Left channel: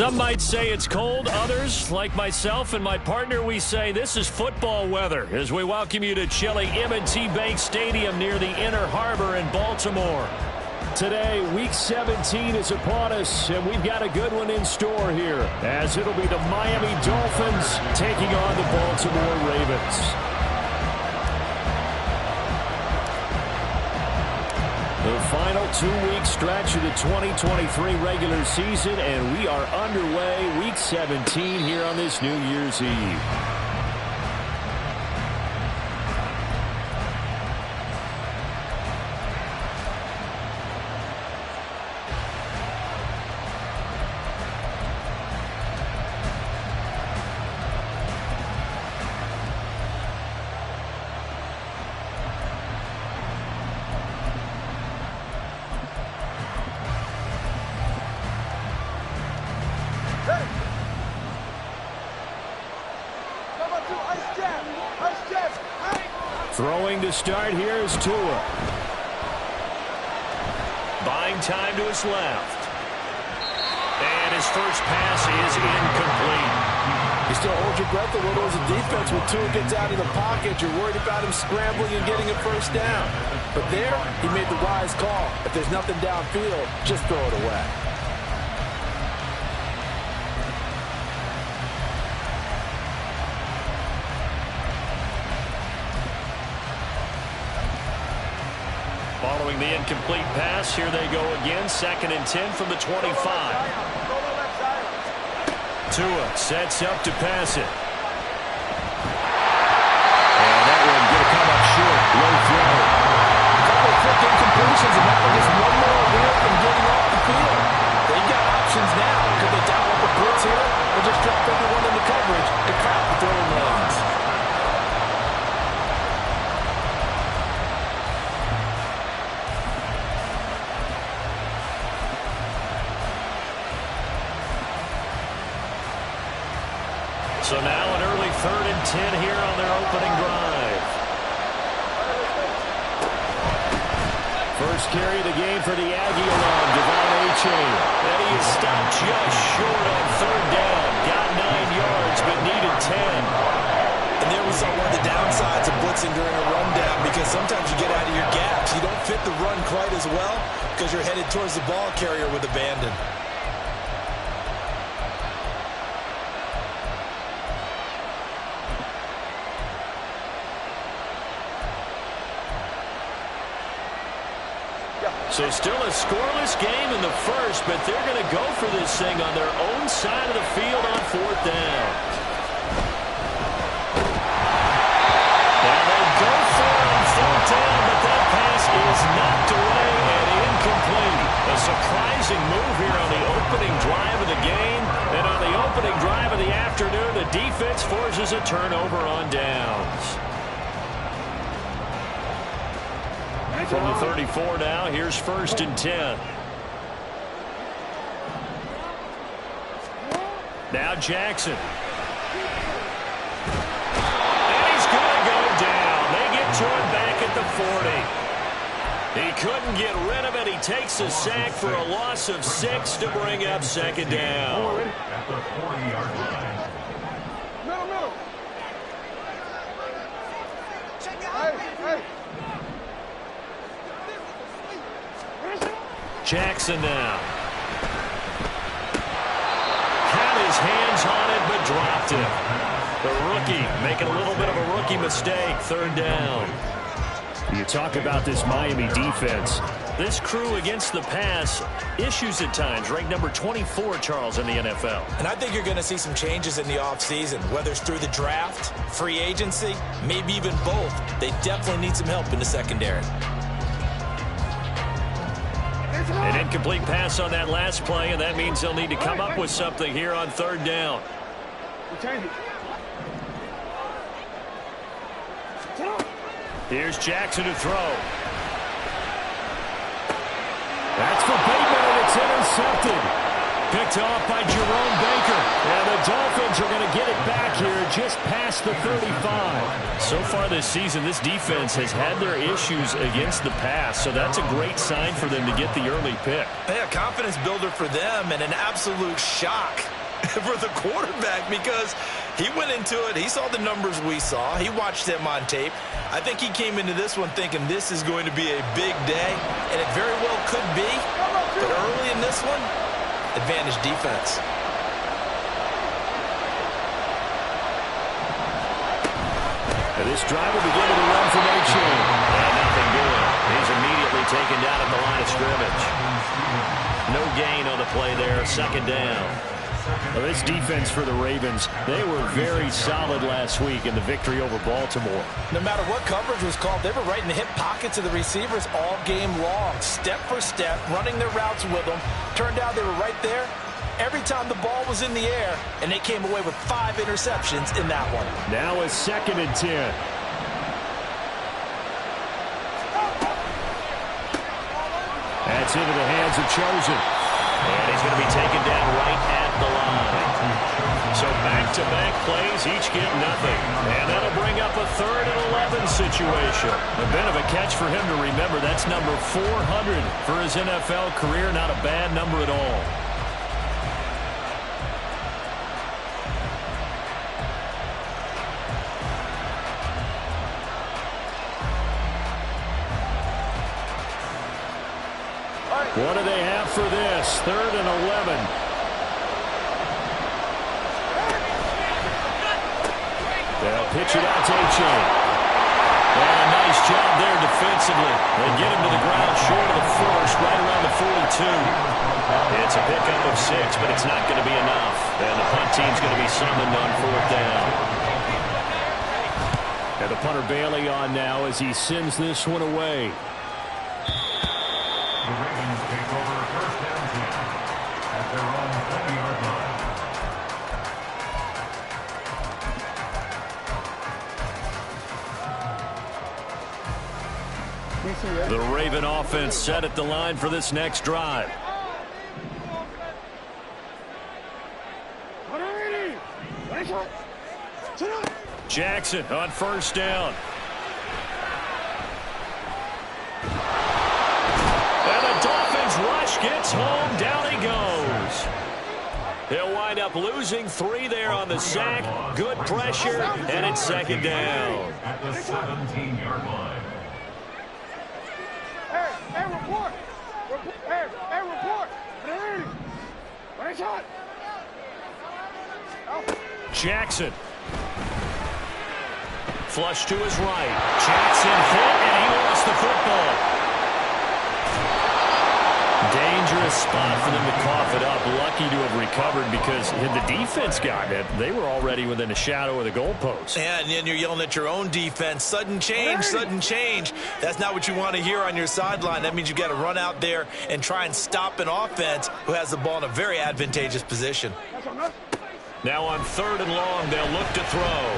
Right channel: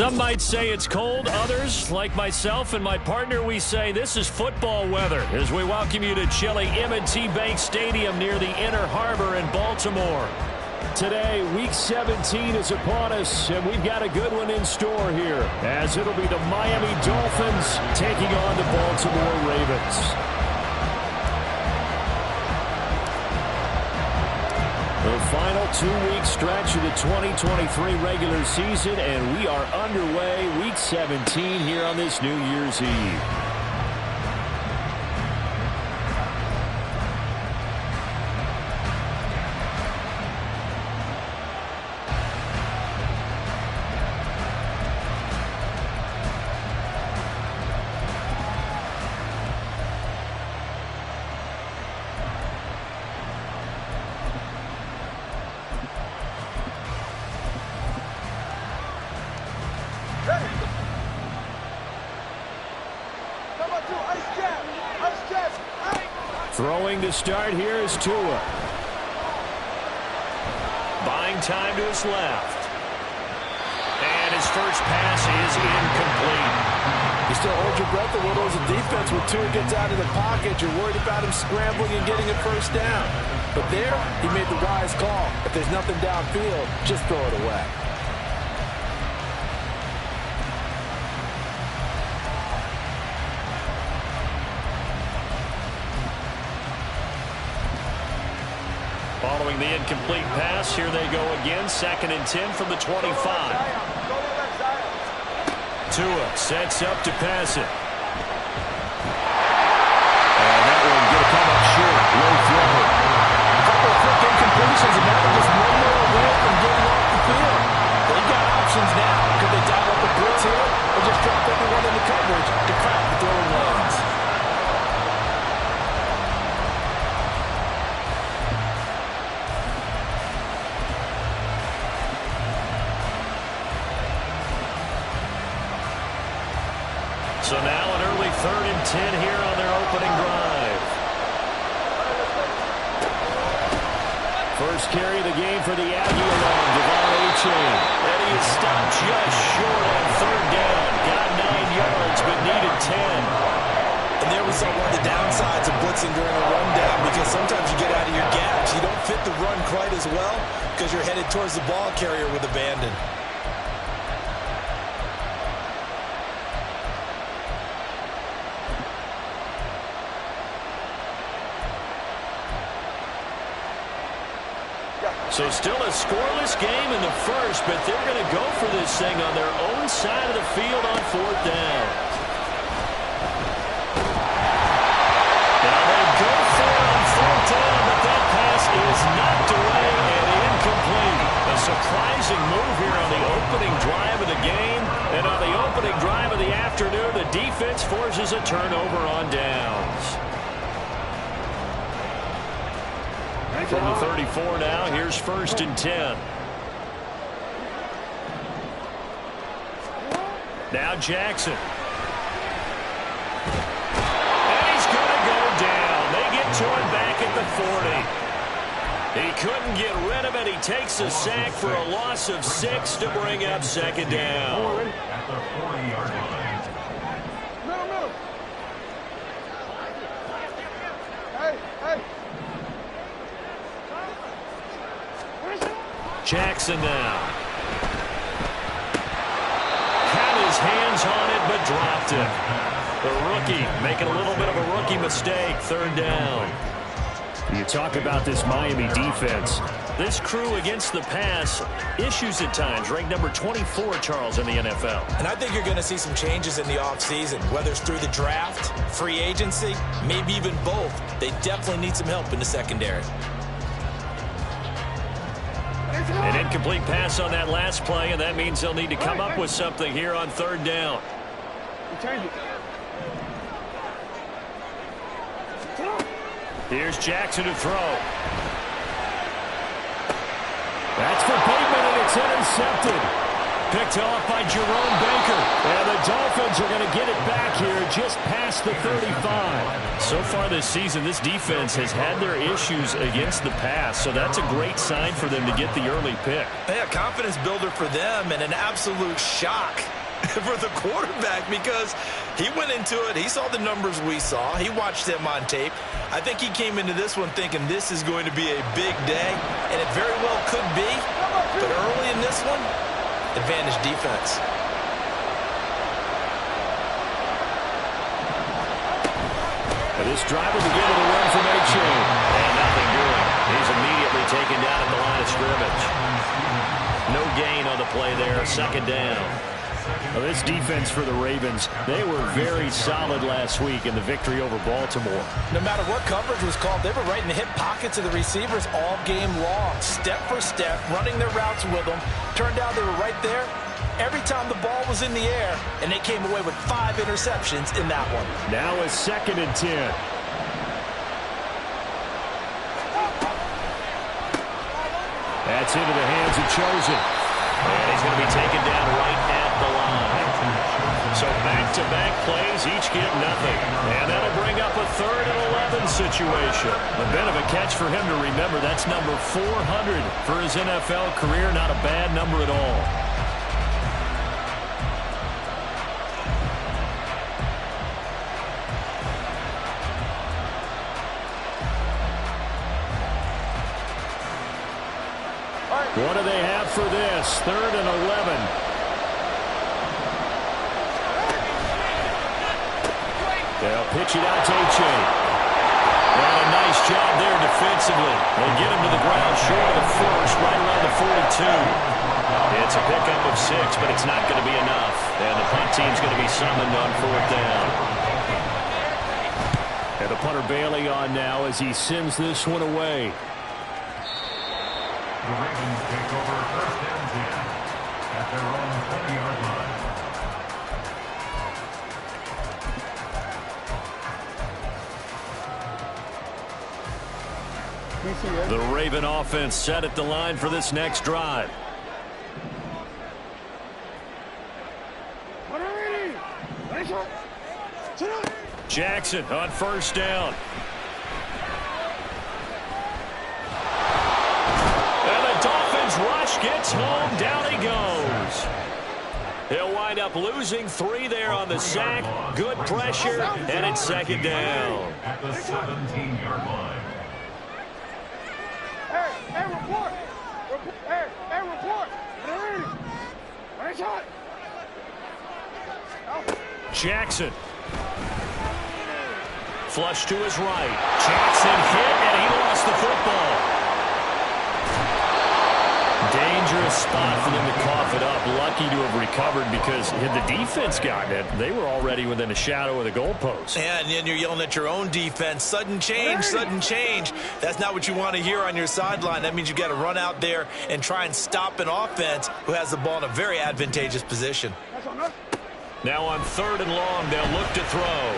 Some might say it's cold. Others, like myself and my partner, we say this is football weather as we welcome you to chilly M&T Bank Stadium near the Inner Harbor in Baltimore. Today, Week 17 is upon us, and we've got a good one in store here, as it'll be the Miami Dolphins taking on the Baltimore Ravens. The final 2-week stretch of the 2023 regular season, and we are underway Week 17 here on this New Year's Eve. Throwing to start here is Tua. Buying time to his left. And his first pass is incomplete. You still hold your breath a little as a defense when Tua gets out of the pocket. You're worried about him scrambling and getting a first down. But there, he made the wise call. If there's nothing downfield, just throw it away. Following the incomplete pass, here they go again. 2nd and 10 from the 25. Tua sets up to pass it. And that one going to come up short. Low throw. A couple of quick incompletions, and now they're just one more away from getting off the field. They've got options now. Could they dial up a blitz here or just drop everyone into coverage to crowd the throwing lanes? So now an early 3rd and 10 here on their opening drive. First carry of the game for the Aggie along Devon A-Chain. And he is stopped just short on 3rd down. Got 9 yards, but needed 10. And there we saw one of the downsides of blitzing during a rundown, because sometimes you get out of your gaps. You don't fit the run quite as well because you're headed towards the ball carrier with abandon. So still a scoreless game in the first, but they're going to go for this thing on their own side of the field on 4th down. Now they go for it on 4th down, but that pass is knocked away and incomplete. A surprising move here on the opening drive of the game. And on the opening drive of the afternoon, the defense forces a turnover on downs. From the 34 now, here's 1st and 10. Now Jackson. And he's going to go down. They get to him back at the 40. He couldn't get rid of it. He takes a sack for a loss of 6 to bring up 2nd down. At the 40-yard line. Middle. Hey. Jackson now. Had his hands on it, but dropped it. The rookie making a little bit of a rookie mistake. 3rd down. You talk about this Miami defense. This crew against the pass, issues at times. Ranked number 24, Charles, in the NFL. And I think you're going to see some changes in the offseason, whether it's through the draft, free agency, maybe even both. They definitely need some help in the secondary. An incomplete pass on that last play, and that means they'll need to come up with something here on 3rd down. Here's Jackson to throw. That's for Bateman, and it's intercepted. Picked off by Jerome Baker. And the Dolphins are going to get it back here just past the 35. So far this season, this defense has had their issues against the pass, so that's a great sign for them to get the early pick. Yeah, confidence builder for them and an absolute shock for the quarterback because he went into it. He saw the numbers we saw. He watched them on tape. I think he came into this one thinking this is going to be a big day, and it very well could be. But early in this one, advantage defense. This drive will begin with a run from A-Chain. And nothing doing. He's immediately taken down at the line of scrimmage. No gain on the play there. Second down. Well, this defense for the Ravens, they were very solid last week in the victory over Baltimore. No matter what coverage was called, they were right in the hip pockets of the receivers all game long. Step for step, running their routes with them. Turned out they were right there every time the ball was in the air, and they came away with 5 interceptions in that one. Now a 2nd and 10. That's into the hands of Chosen. And he's going to be taken down right at the line. So back-to-back plays, each get nothing. And that'll bring up a 3rd and 11 situation. A bit of a catch for him to remember. That's number 400 for his NFL career. Not a bad number at all. What do they have for this? 3rd and 11. They'll pitch it out to A-Chain. And a nice job there defensively. They get him to the ground short of the first, right around the 42. It's a pickup of 6, but it's not going to be enough. And the punt team's going to be summoned on 4th down. And the punter Bailey on now as he sends this one away. The Ravens take over 1st and 10 at their own 20-yard line. The Raven offense set at the line for this next drive. Jackson on 1st down. And the Dolphins rush gets home. Down he goes. He'll wind up losing 3 there on the sack. Good pressure, and it's 2nd down. At the 17-yard line. Hey, report. Hey, report. Hey, shot. Jackson. Flush to his right. Jackson hit, and he lost the football. Dangerous spot for them to cough it up. Lucky to have recovered because had the defense gotten it, they were already within a shadow of the goalpost. And then you're yelling at your own defense. Sudden change, sudden change. That's not what you want to hear on your sideline. That means you've got to run out there and try and stop an offense who has the ball in a very advantageous position. Now on 3rd and long, they'll look to throw.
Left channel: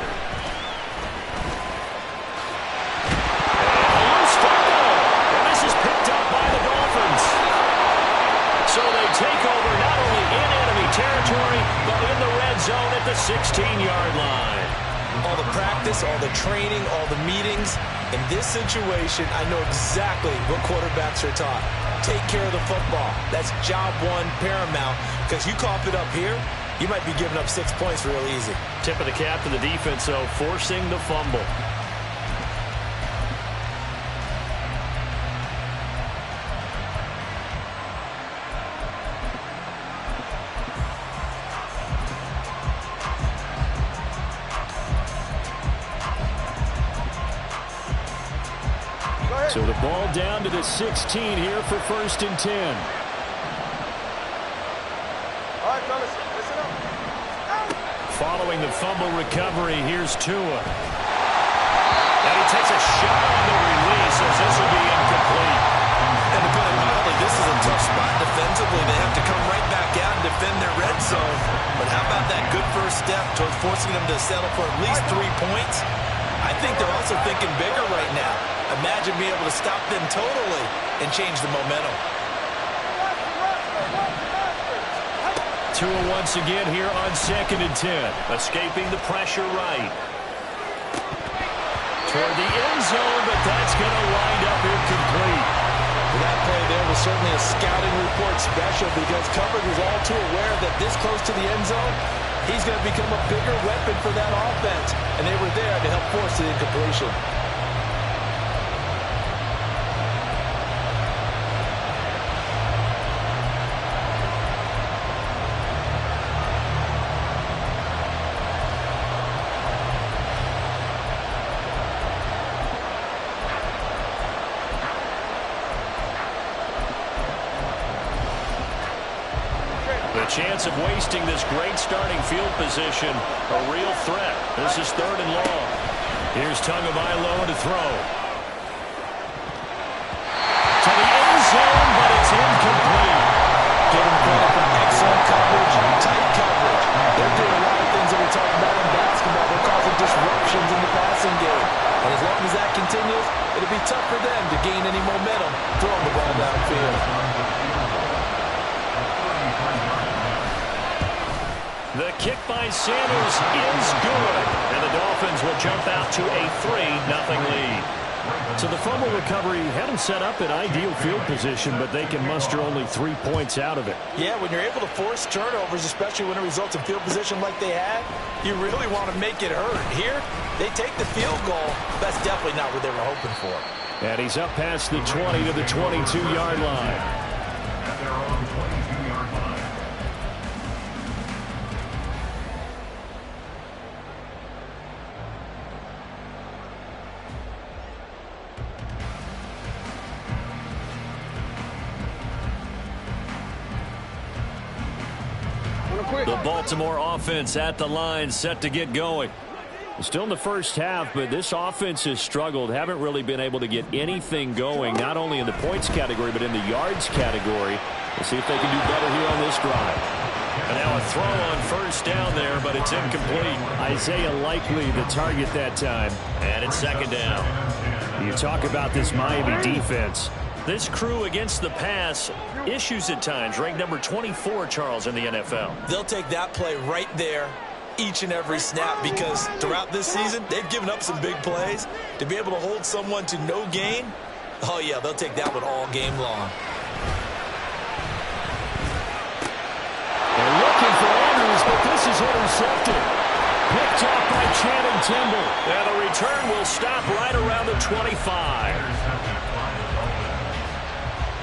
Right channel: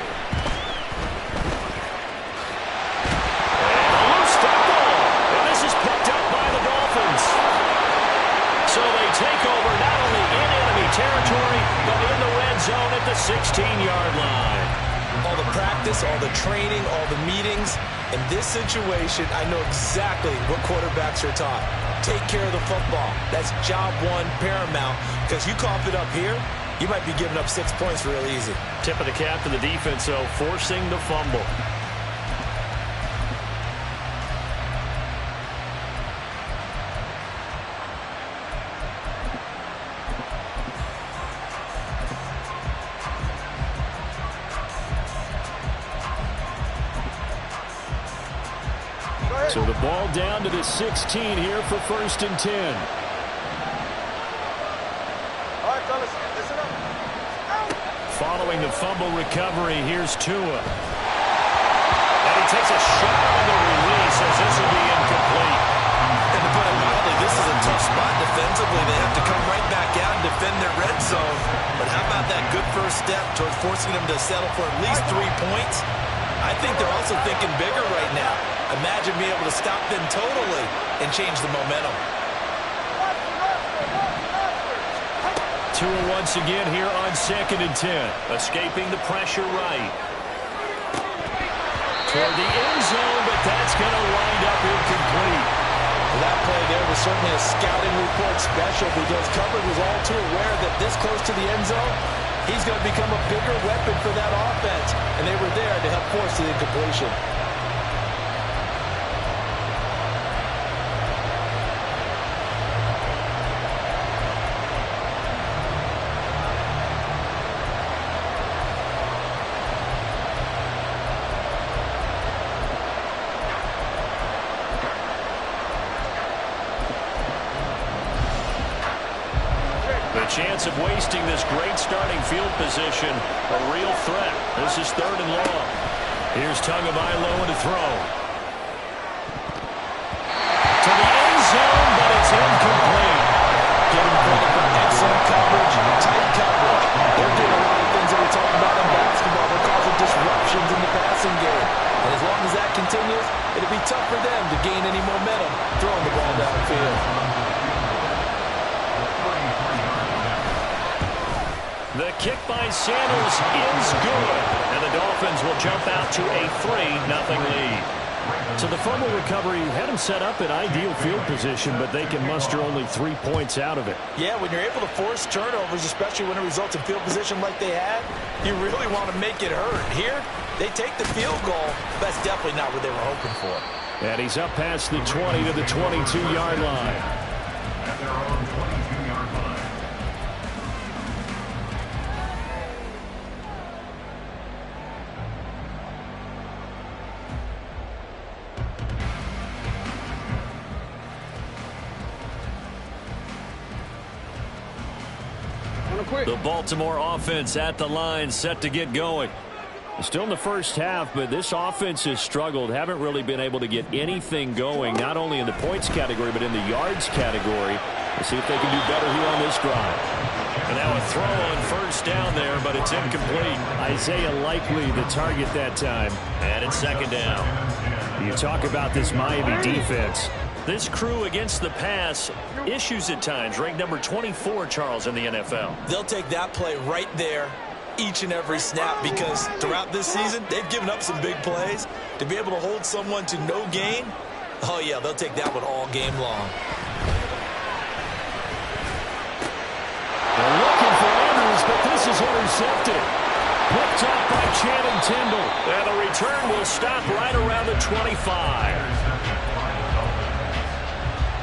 And a loose football. And this is picked up by the Dolphins. So they take over not only in enemy territory, but in the red zone at the 16-yard line. All the practice, all the training, all the meetings. In this situation, I know exactly what quarterbacks are taught. Take care of the football. That's job 1 paramount. Because you cough it up here, you might be giving up 6 points real easy. Tip of the cap to the defense, though, forcing the fumble. So the ball down to the 16 here for 1st and 10. All right, fellas, listen up. Following the fumble recovery, here's Tua. And he takes a shot on the release as this will be incomplete. And to put it mildly, this is a tough spot defensively. They have to come right back out and defend their red zone. But how about that good first step towards forcing them to settle for at least 3 points? I think they're also thinking bigger right now. Imagine being able to stop them totally and change the momentum. Watch the master. to it once again here on 2nd and 10. Escaping the pressure right. Toward the end zone, but that's going to wind up incomplete. That play there was certainly a scouting report special because coverage was all too aware that this close to the end zone, he's going to become a bigger weapon for that offense. And they were there to help force the incompletion. The chance of wasting this great starting field position, a real threat. This is 3rd and long. Here's Tagovailoa to throw. To the end zone, but it's incomplete. Give him credit for excellent coverage, tight coverage. They're doing a lot of things that we talked about in basketball. They're causing disruptions in the passing game. And as long as that continues, it'll be tough for them to gain any momentum throwing the ball downfield. The kick by Sanders is good, and the Dolphins will jump out to a 3-0 lead. So the fumble recovery had them set up in ideal field position, but they can muster only 3 points out of it. Yeah, when you're able to force turnovers, especially when it results in field position like they had, you really want to make it hurt. Here, they take the field goal. That's definitely not what they were hoping for. And he's up past the 20 to the 22-yard line. At their own 22-yard line. The Baltimore offense at the line, set to get going. Still in the first half, but this offense has struggled. Haven't really been able to get anything going, not only in the points category, but in the yards category. We'll see if they can do better here on this drive. And now a throw on first down there, but it's incomplete. Isaiah Likely the target that time. And it's 2nd down. You talk about this Miami defense. This crew against the pass, issues at times, ranked number 24, Charles, in the NFL. They'll take that play right there each and every snap because throughout this season, they've given up some big plays. To be able to hold someone to no gain, oh, yeah, they'll take that one all game long. And looking for Andrews, but this is intercepted. Picked off by Channing Tindall. And the return will stop right around the 25.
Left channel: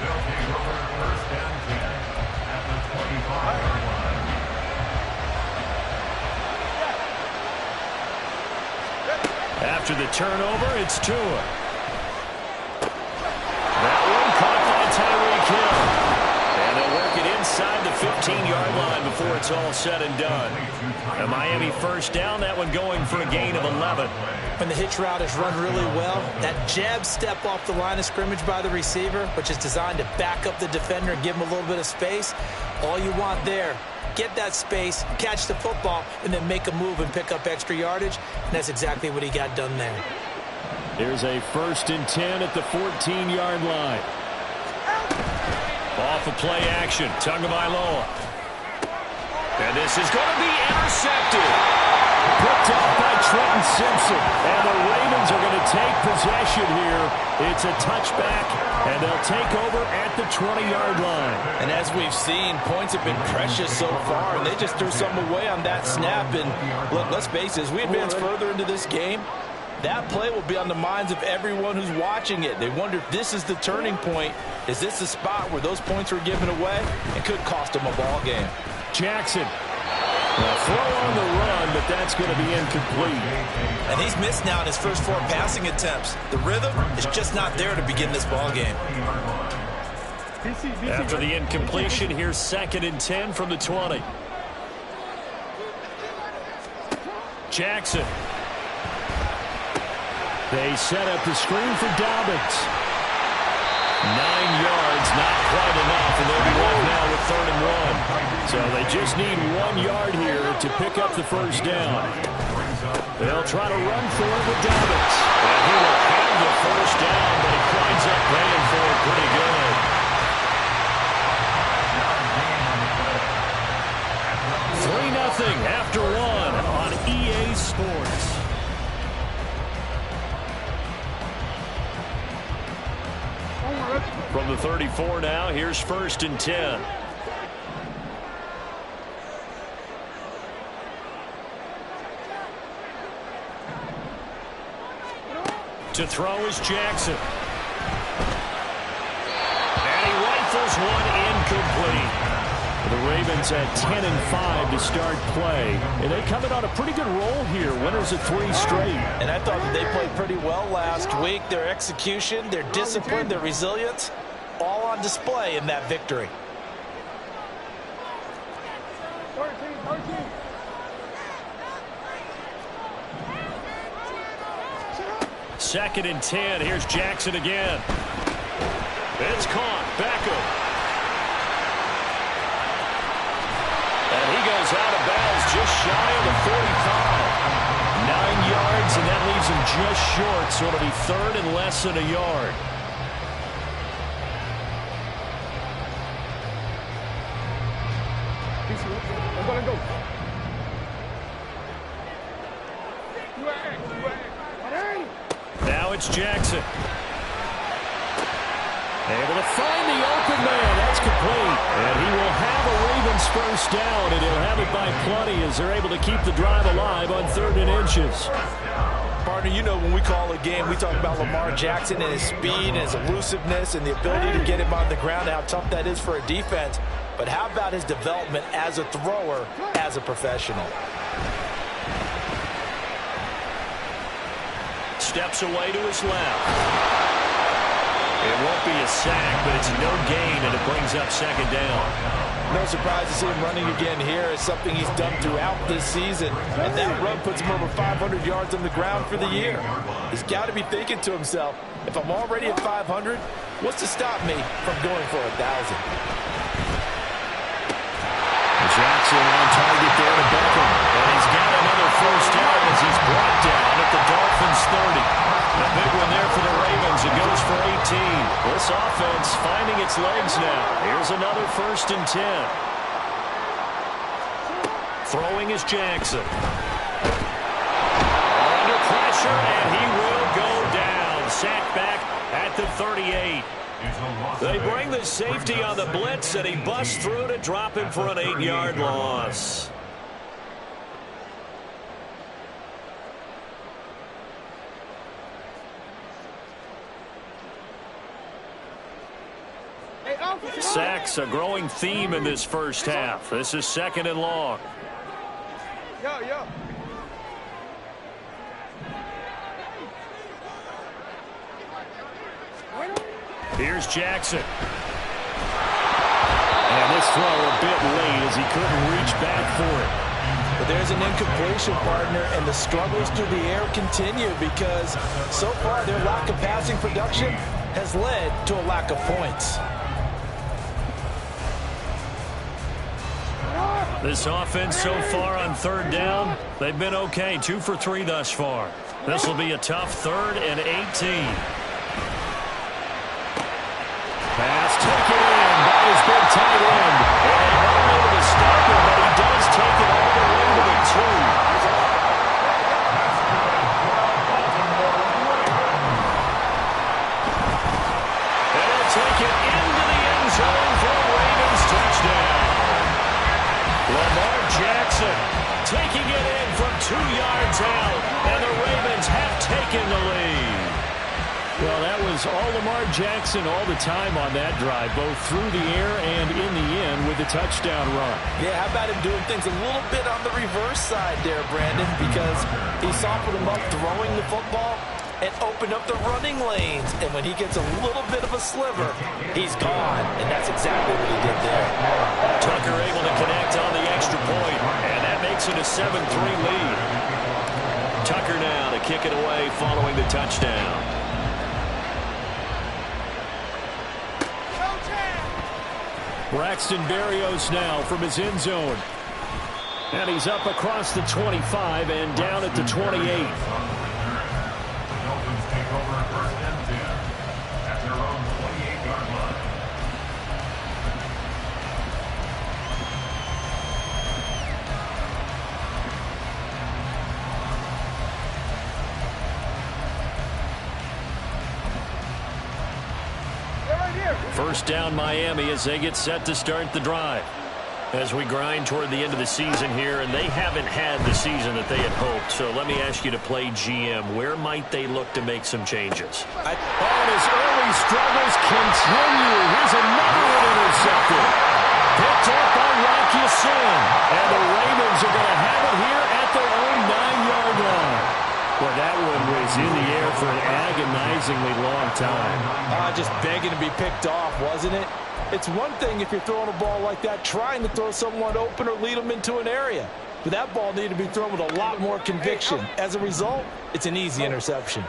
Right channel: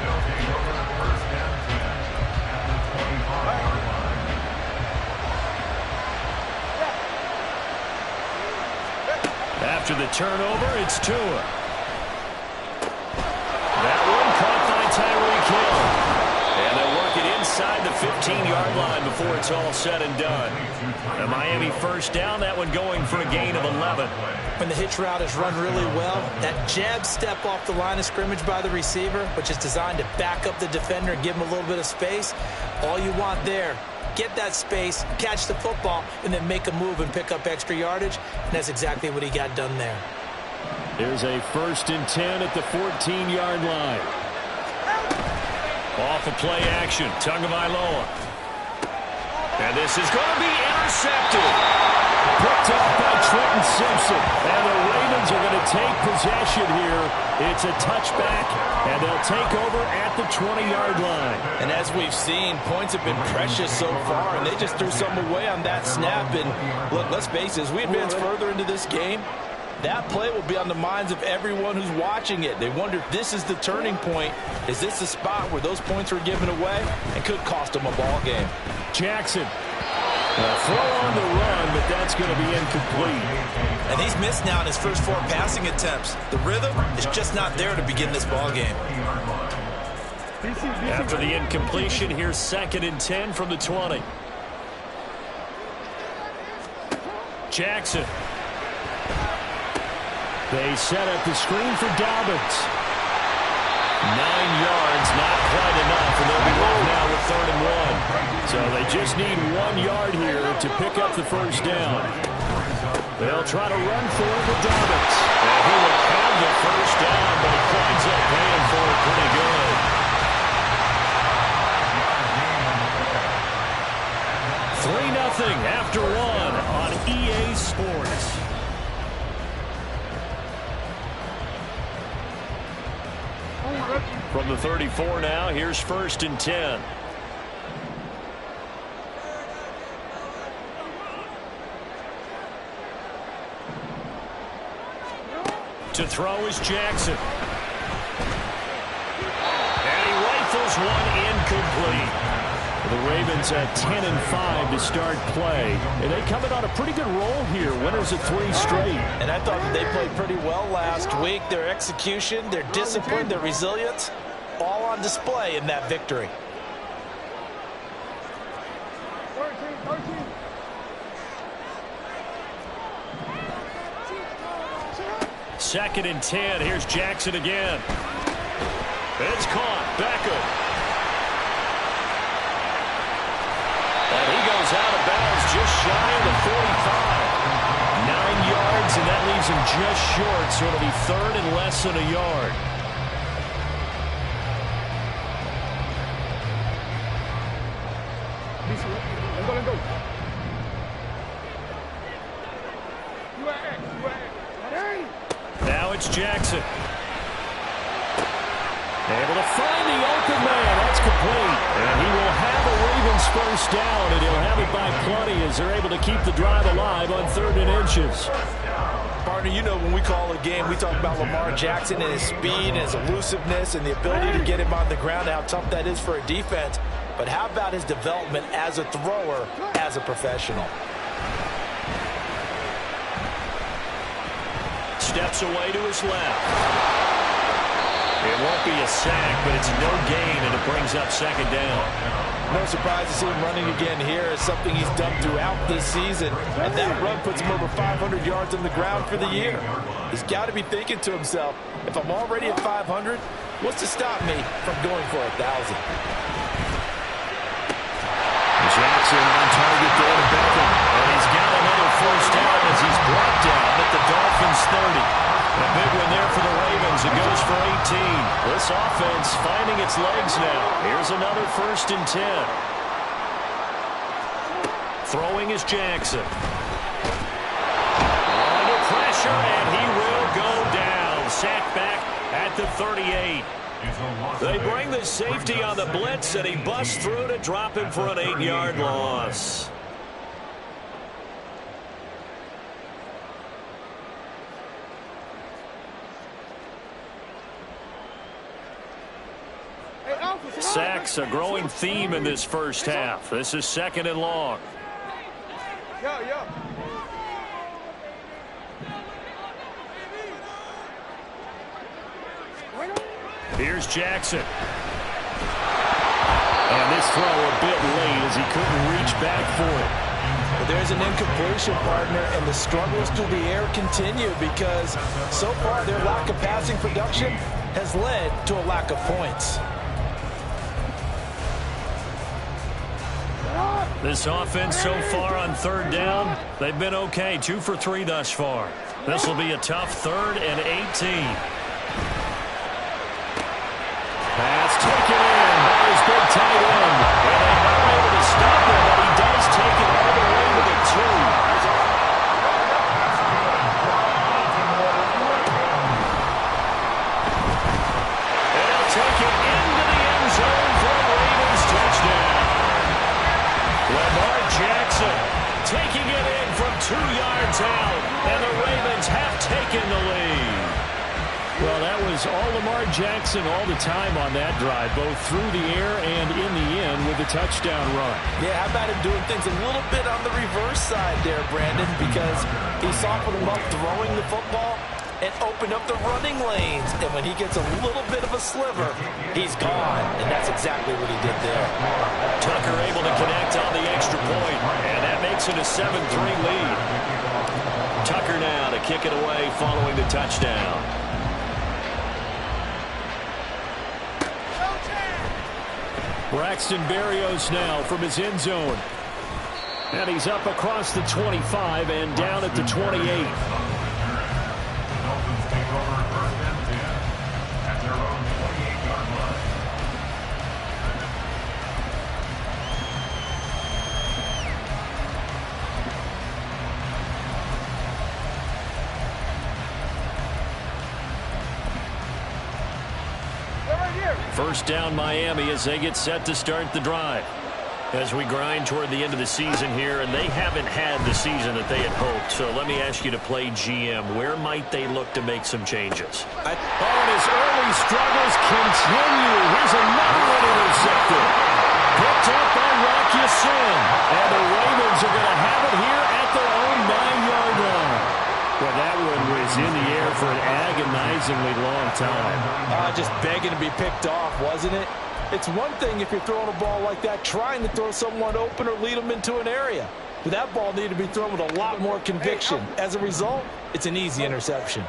They'll take over 1st and 10 at the 25-yard line. After the turnover, it's Tua. That one caught by Tyreek Hill. And they'll work it inside the 15-yard line before it's all said and done. A Miami first down, that one going for a gain of 11. When the hitch route is run really well, that jab step off the line of scrimmage by the receiver, which is designed to back up the defender and give him a little bit of space, all you want there, get that space, catch the football, and then make a move and pick up extra yardage, and that's exactly what he got done there. There's a 1st and 10 at the 14-yard line. Off of play action, Tagovailoa. And this is going to be intercepted. Picked off by Trenton Simpson. And the Ravens are going to take possession here. It's a touchback, and they'll take over at the 20-yard line. And as we've seen, points have been precious so far, and they just threw some away on that snap. And look, let's face it, as we advance further into this game, that play will be on the minds of everyone who's watching it. They wonder if this is the turning point. Is this the spot where those points were given away and could cost them a ball game? Jackson. A throw on the run, but that's going to be incomplete. And he's missed now in his first 4 passing attempts. The rhythm is just not there to begin this ball game. After the incompletion, here's 2nd and 10 from the 20. Jackson. They set up the screen for Dobbins. 9 yards, not quite enough, and they'll be left now with 3rd and 1. So they just need 1 yard here to pick up the first down. They'll try to run for it with Dobbins. And he will have the first down, but he winds up paying for it pretty good. 3-0 after one on EA Sports. From the 34 now, here's 1st and 10. To throw is Jackson. And he rifles one incomplete. The Ravens at 10-5 to start play. And they come in on a pretty good roll here. Winners of 3 straight. And I thought that they played pretty well last week. Their execution, their discipline, their resilience, all on display in that victory. 13. 2nd and 10. Here's Jackson again. It's caught. Beckham. And he goes out of bounds just shy of the 45. 9 yards, and that leaves him just short, so it'll be 3rd and less than a yard. Let's go. Now it's Jackson. Able to find the open man. That's complete. And he will have a Ravens first down, and he'll have it by plenty as they're able to keep the drive alive on 3rd and inches. Partner, you know when we call a game, we talk about Lamar Jackson and his speed and his elusiveness and the ability to get him on the ground and how tough that is for a defense. But how about his development as a thrower, as a professional? Steps away to his left. It won't be a sack, but it's no gain, and it brings up 2nd down. No surprise to see him running again here. It's something he's done throughout this season. And that run puts him over 500 yards on the ground for the year. He's got to be thinking to himself, if I'm already at 500, what's to stop me from going for 1,000? Jackson on target there to Beckham. And he's got another first down as he's brought down at the Dolphins' 30. A big one there for the Ravens. It goes for 18. This offense finding its legs now. Here's another 1st and 10. Throwing is Jackson. Under pressure, and he will go down. Sacked back at the 38. They bring the safety on the blitz, and he busts through to drop him for an 8-yard loss. Sacks a growing theme in this first half. This is 2nd and long. Yo. Here's Jackson. And this throw a bit late as he couldn't reach back for it. But there's an incompletion, partner, and the struggles through the air continue because so far their lack of passing production has led to a lack of points. This offense so far on 3rd down, they've been okay. 2 for 3 thus far. This will be a tough 3rd and 18. Pass taken in by his big tight end. And they are able to stop him, but he does take it all the way to the 2. And he'll take it into the end zone for a Ravens touchdown. Lamar Jackson taking it in from 2 yards out, and the Ravens have taken the lead. Well, that was all Lamar Jackson all the time on that drive, both through the air and in the end with the touchdown run. Yeah, how about him doing things a little bit on the reverse side there, Brandon, because he softened him up throwing the football and opened up the running lanes. And when he gets a little bit of a sliver, he's gone. And that's exactly what he did there. Tucker able to connect on the extra point, and that makes it a 7-3 lead. Tucker now to kick it away following the touchdown. Braxton Berrios now from his end zone. And he's up across the 25 and down at the 28. The Dolphins take over 1st and 10 at their own 28-yard line. First down Miami as they get set to start the drive. As we grind toward the end of the season here, and they haven't had the season that they had hoped. So let me ask you to play GM. Where might they look to make some changes? And his early struggles continue. Here's another one intercepted. Picked up by Rocky Sin. And the Ravens are going to have it here at their own 9-yard line. Well, that one was in the air for an agonizingly long time. Just begging to be picked off, wasn't it? It's one thing if you're throwing a ball like that, trying to throw someone open or lead them into an area. But that ball needed to be thrown with a lot more conviction. As a result, it's an easy interception.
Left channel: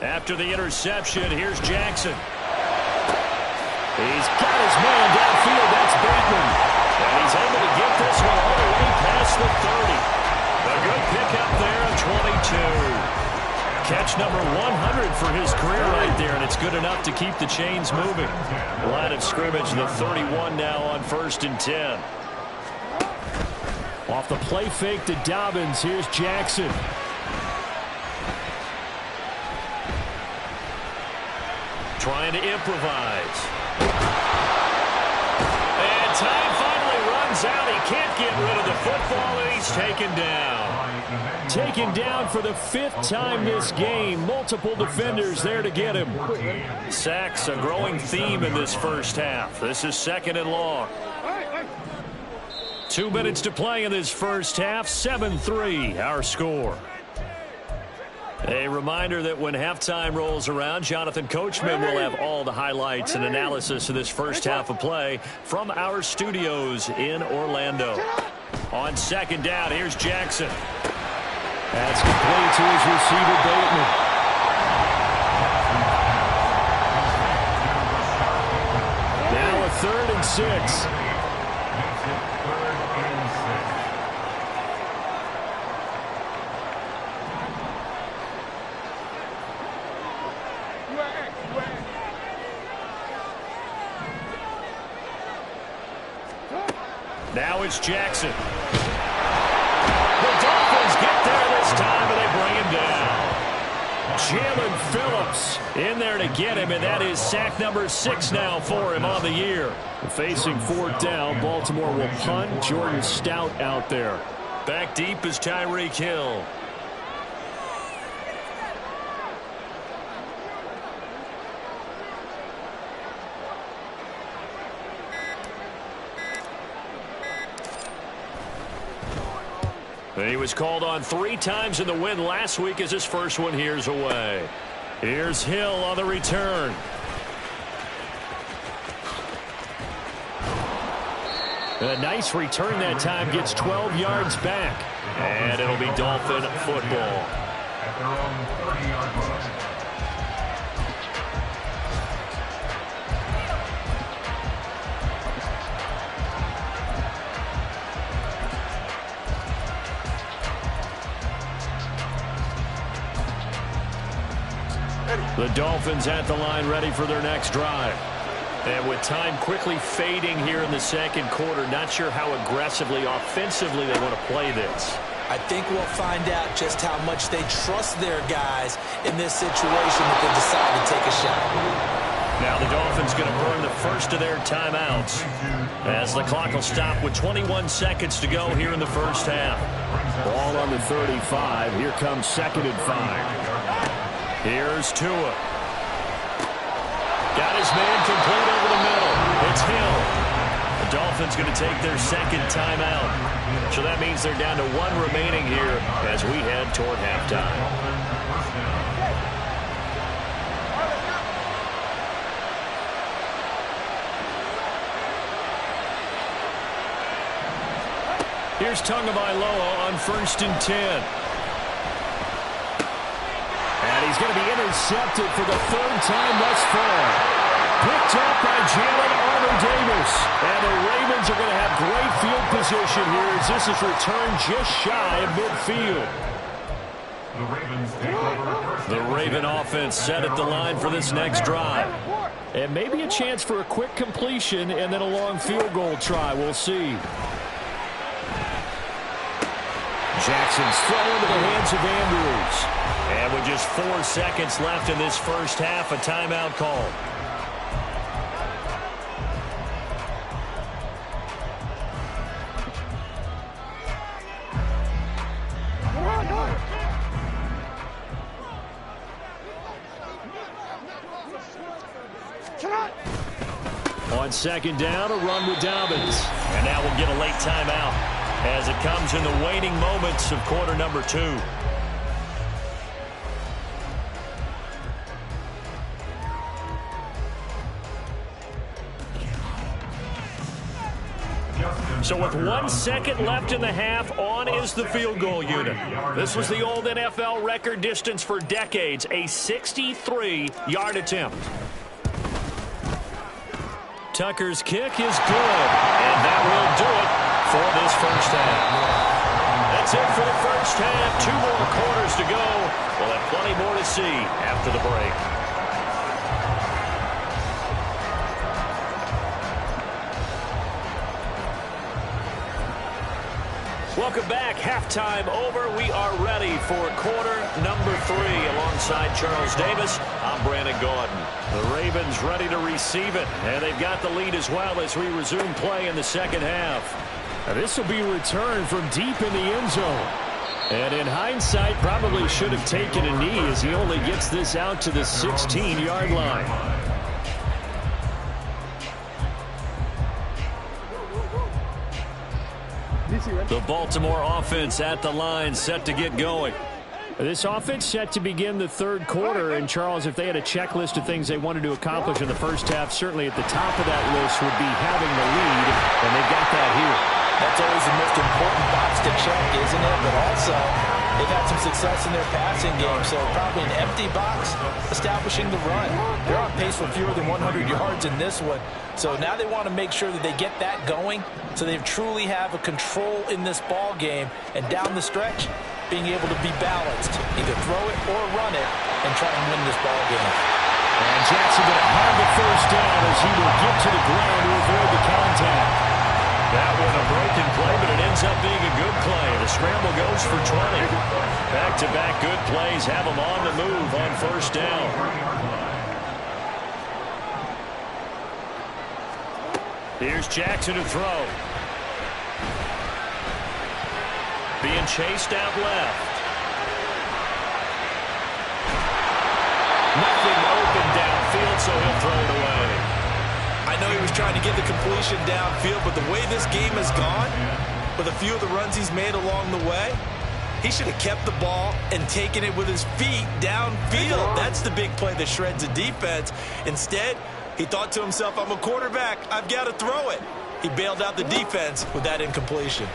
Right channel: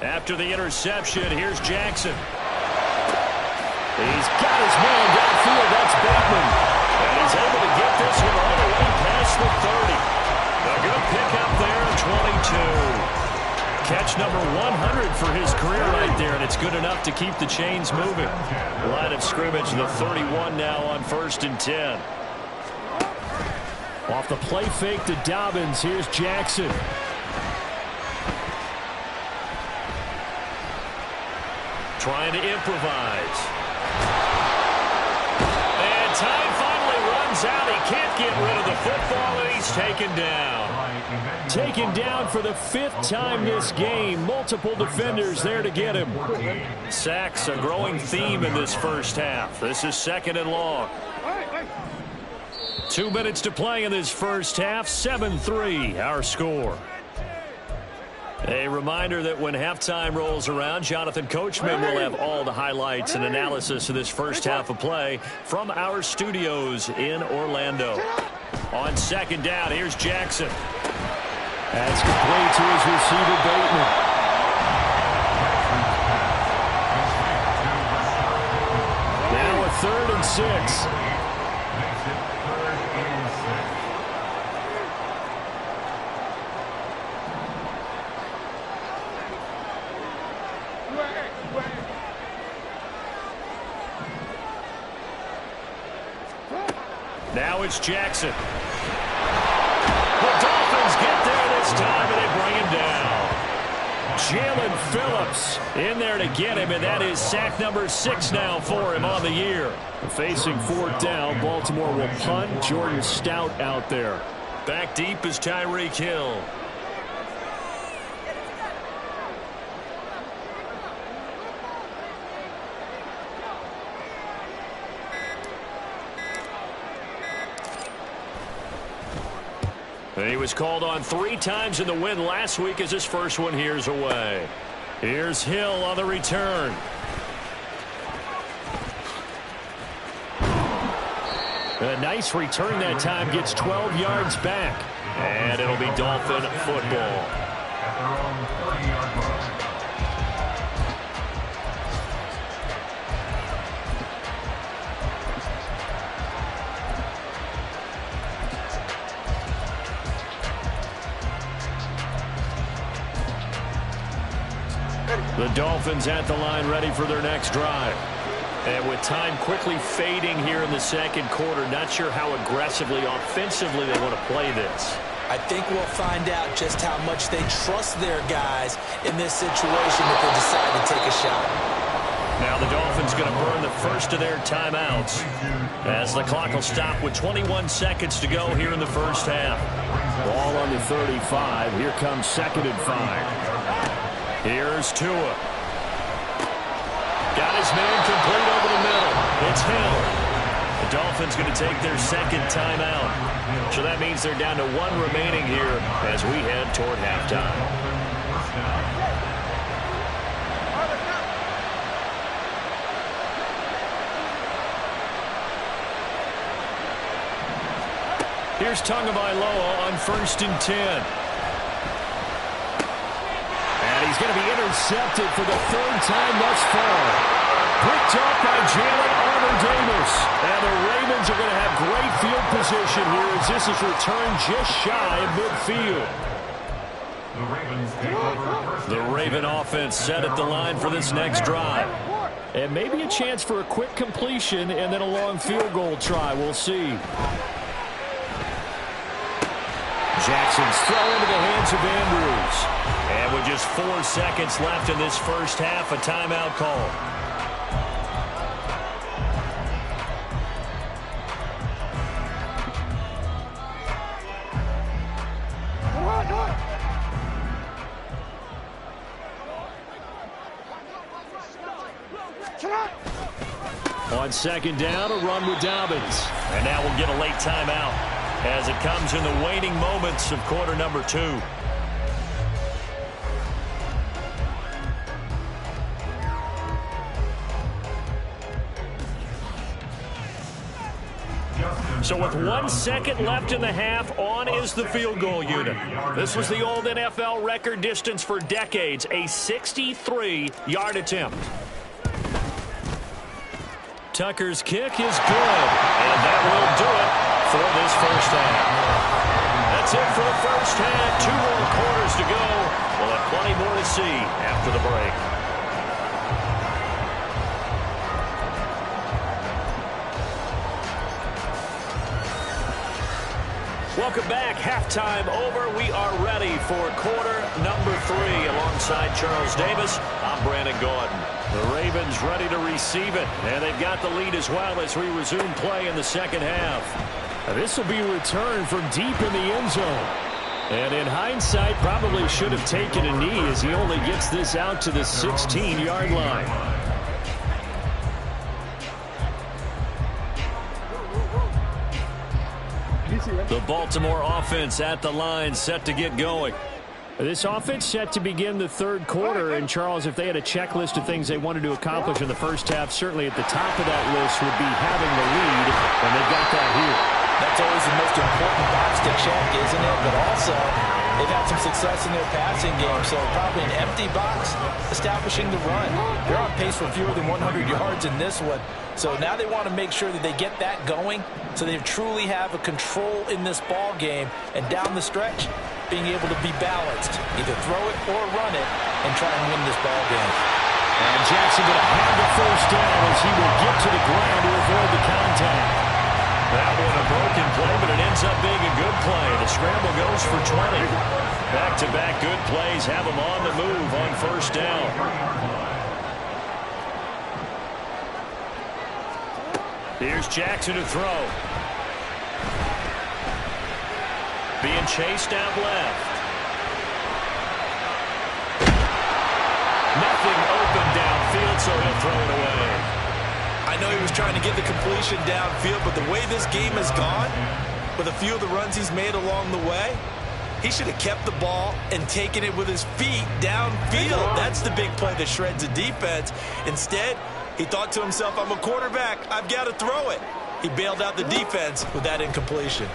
After the interception, here's Jackson. He's got his man downfield. That's Bateman. And he's able to get this one all the way past the 30. A good pickup there of 22. Catch number 100 for his career right there, and it's good enough to keep the chains moving. Line of scrimmage, the 31 now on 1st and 10. Off the play fake to Dobbins, here's Jackson. Trying to improvise. And time finally runs out. He can't get rid of the football, and he's taken down. Taken down for the 5th time this game. Multiple defenders there to get him. Sacks, a growing theme in this first half. This is 2nd and long. 2 minutes to play in this first half. 7-3, our score. A reminder that when halftime rolls around, Jonathan Coachman will have all the highlights and analysis of this first half of play from our studios in Orlando. On 2nd down, here's Jackson. That's complete to his receiver, Bateman. Now a 3rd and 6. Now it's Jackson. The Dolphins get there this time, and they bring him down. Jalen Phillips in there to get him, and that is sack number 6 now for him on the year. Facing 4th down, Baltimore will punt. Jordan Stout out there. Back deep is Tyreek Hill. He was called on 3 times in the win last week as his first one here's away. Here's Hill on the return. A nice return that time, gets 12 yards back. And it'll be Dolphin football. At their own 30-yard line. The Dolphins at the line ready for their next drive. And with time quickly fading here in the 2nd quarter, not sure how aggressively, offensively they want to play this. I think we'll find out just how much they trust their guys in this situation if they decide to take a shot. Now the Dolphins going to burn the first of their timeouts as the clock will stop with 21 seconds to go here in the first half. Ball on the 35. Here comes 2nd and 5. Here's Tua. Got his man complete over the middle. It's Hill. The Dolphins going to take their 2nd timeout. So that means they're down to 1 remaining here as we head toward halftime. Here's Tagovailoa on 1st and 10. And he's going to be intercepted for the 3rd time thus far. Picked up by Jalen Armour-Davis. And the Ravens are going to have great field position here as this is returned just shy of midfield. The Ravens take over first. The Raven offense set at the line for this next drive. And maybe a chance for a quick completion and then a long field goal try. We'll see. Jackson's throw into the hands of Andrews. And with just 4 seconds left in this first half, a timeout call. On second down, a run with Dobbins. And now we'll get a late timeout as it comes in the waning moments of quarter number 2. So with 1 second left in the half, on is the field goal unit. This was the old NFL record distance for decades, a 63-yard attempt. Tucker's kick is good, and that will do it for this first half. That's it for the first half. 2 more quarters to go. We'll have plenty more to see after the break. Welcome back. Halftime over. We are ready for quarter number 3. Alongside Charles Davis, I'm Brandon Gaudin. The Ravens ready to receive it, and they've got the lead as well as we resume play in the second half. This will be a return from deep in the end zone. And in hindsight, probably should have taken a knee as he only gets this out to the 16-yard line. The Baltimore offense at the line, set to get going. This offense set to begin the third quarter. And, Charles, if they had a checklist of things they wanted to accomplish in the first half, certainly at the top of that list would be having the lead, and they've got that here. That's always the most important box to check, isn't it? But also, they've had some success in their passing game, so probably an empty box establishing the run. They're on pace for fewer than 100 yards in this one. So now they want to make sure that they get that going so they truly have a control in this ball game. And down the stretch, being able to be balanced. Either throw it or run it and try and win this ball game. And Jackson going to have the first down as he will get to the ground to avoid the contact. That one a broken play, but it ends up being a good play. The scramble goes for 20. Back-to-back good plays have them on the move on first down. Here's Jackson to throw. Being chased out left. Nothing open downfield, so he'll throw it away. I know he was trying to get the completion downfield, but the way this game has gone, with a few of the runs he's made along the way, he should have kept the ball and taken it with his feet downfield. That's the big play that shreds a defense. Instead, he thought to himself, I'm a quarterback, I've got to throw it. He bailed out the defense with that incompletion.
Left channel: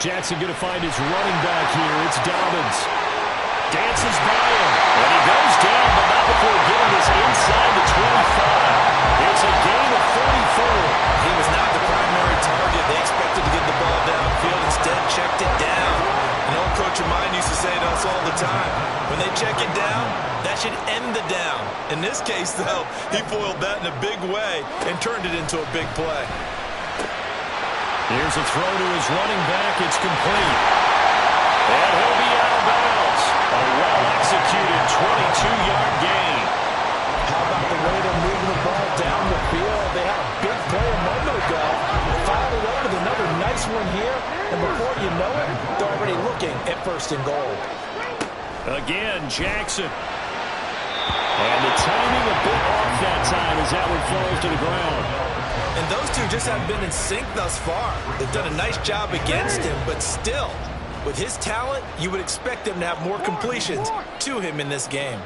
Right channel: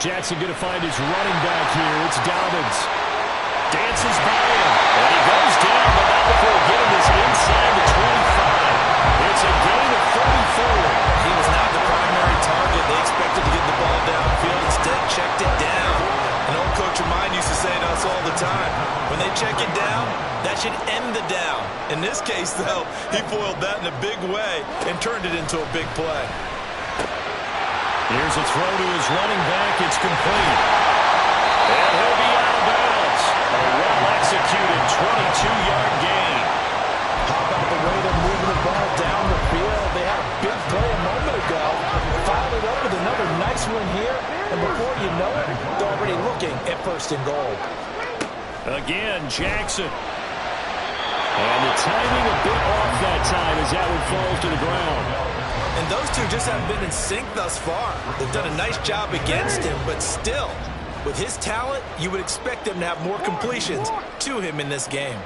Jackson going to find his running back here. It's Dobbins. Dances by him. And he goes down, but not before getting this inside the 25. It's a gain of 34. He was not the primary target. They expected to get the ball downfield. Instead, checked it down. An old coach of mine used to say to us all the time, when they check it down, that should end the down. In this case, though, he foiled that in a big way and turned it into a big play. Here's a throw to his running back. It's complete. And he'll be out of bounds. A well-executed 22-yard gain. How about the way they're moving the ball down the field? They had a big play a moment ago. Followed it up with another nice one here. And before you know it, they're already looking at first and goal. Again, Jackson. And the timing a bit off that time as that one falls to the ground. And those two just haven't been in sync thus far. They've done a nice job against him, but still, with his talent, you would expect them to have more completions to him in this game.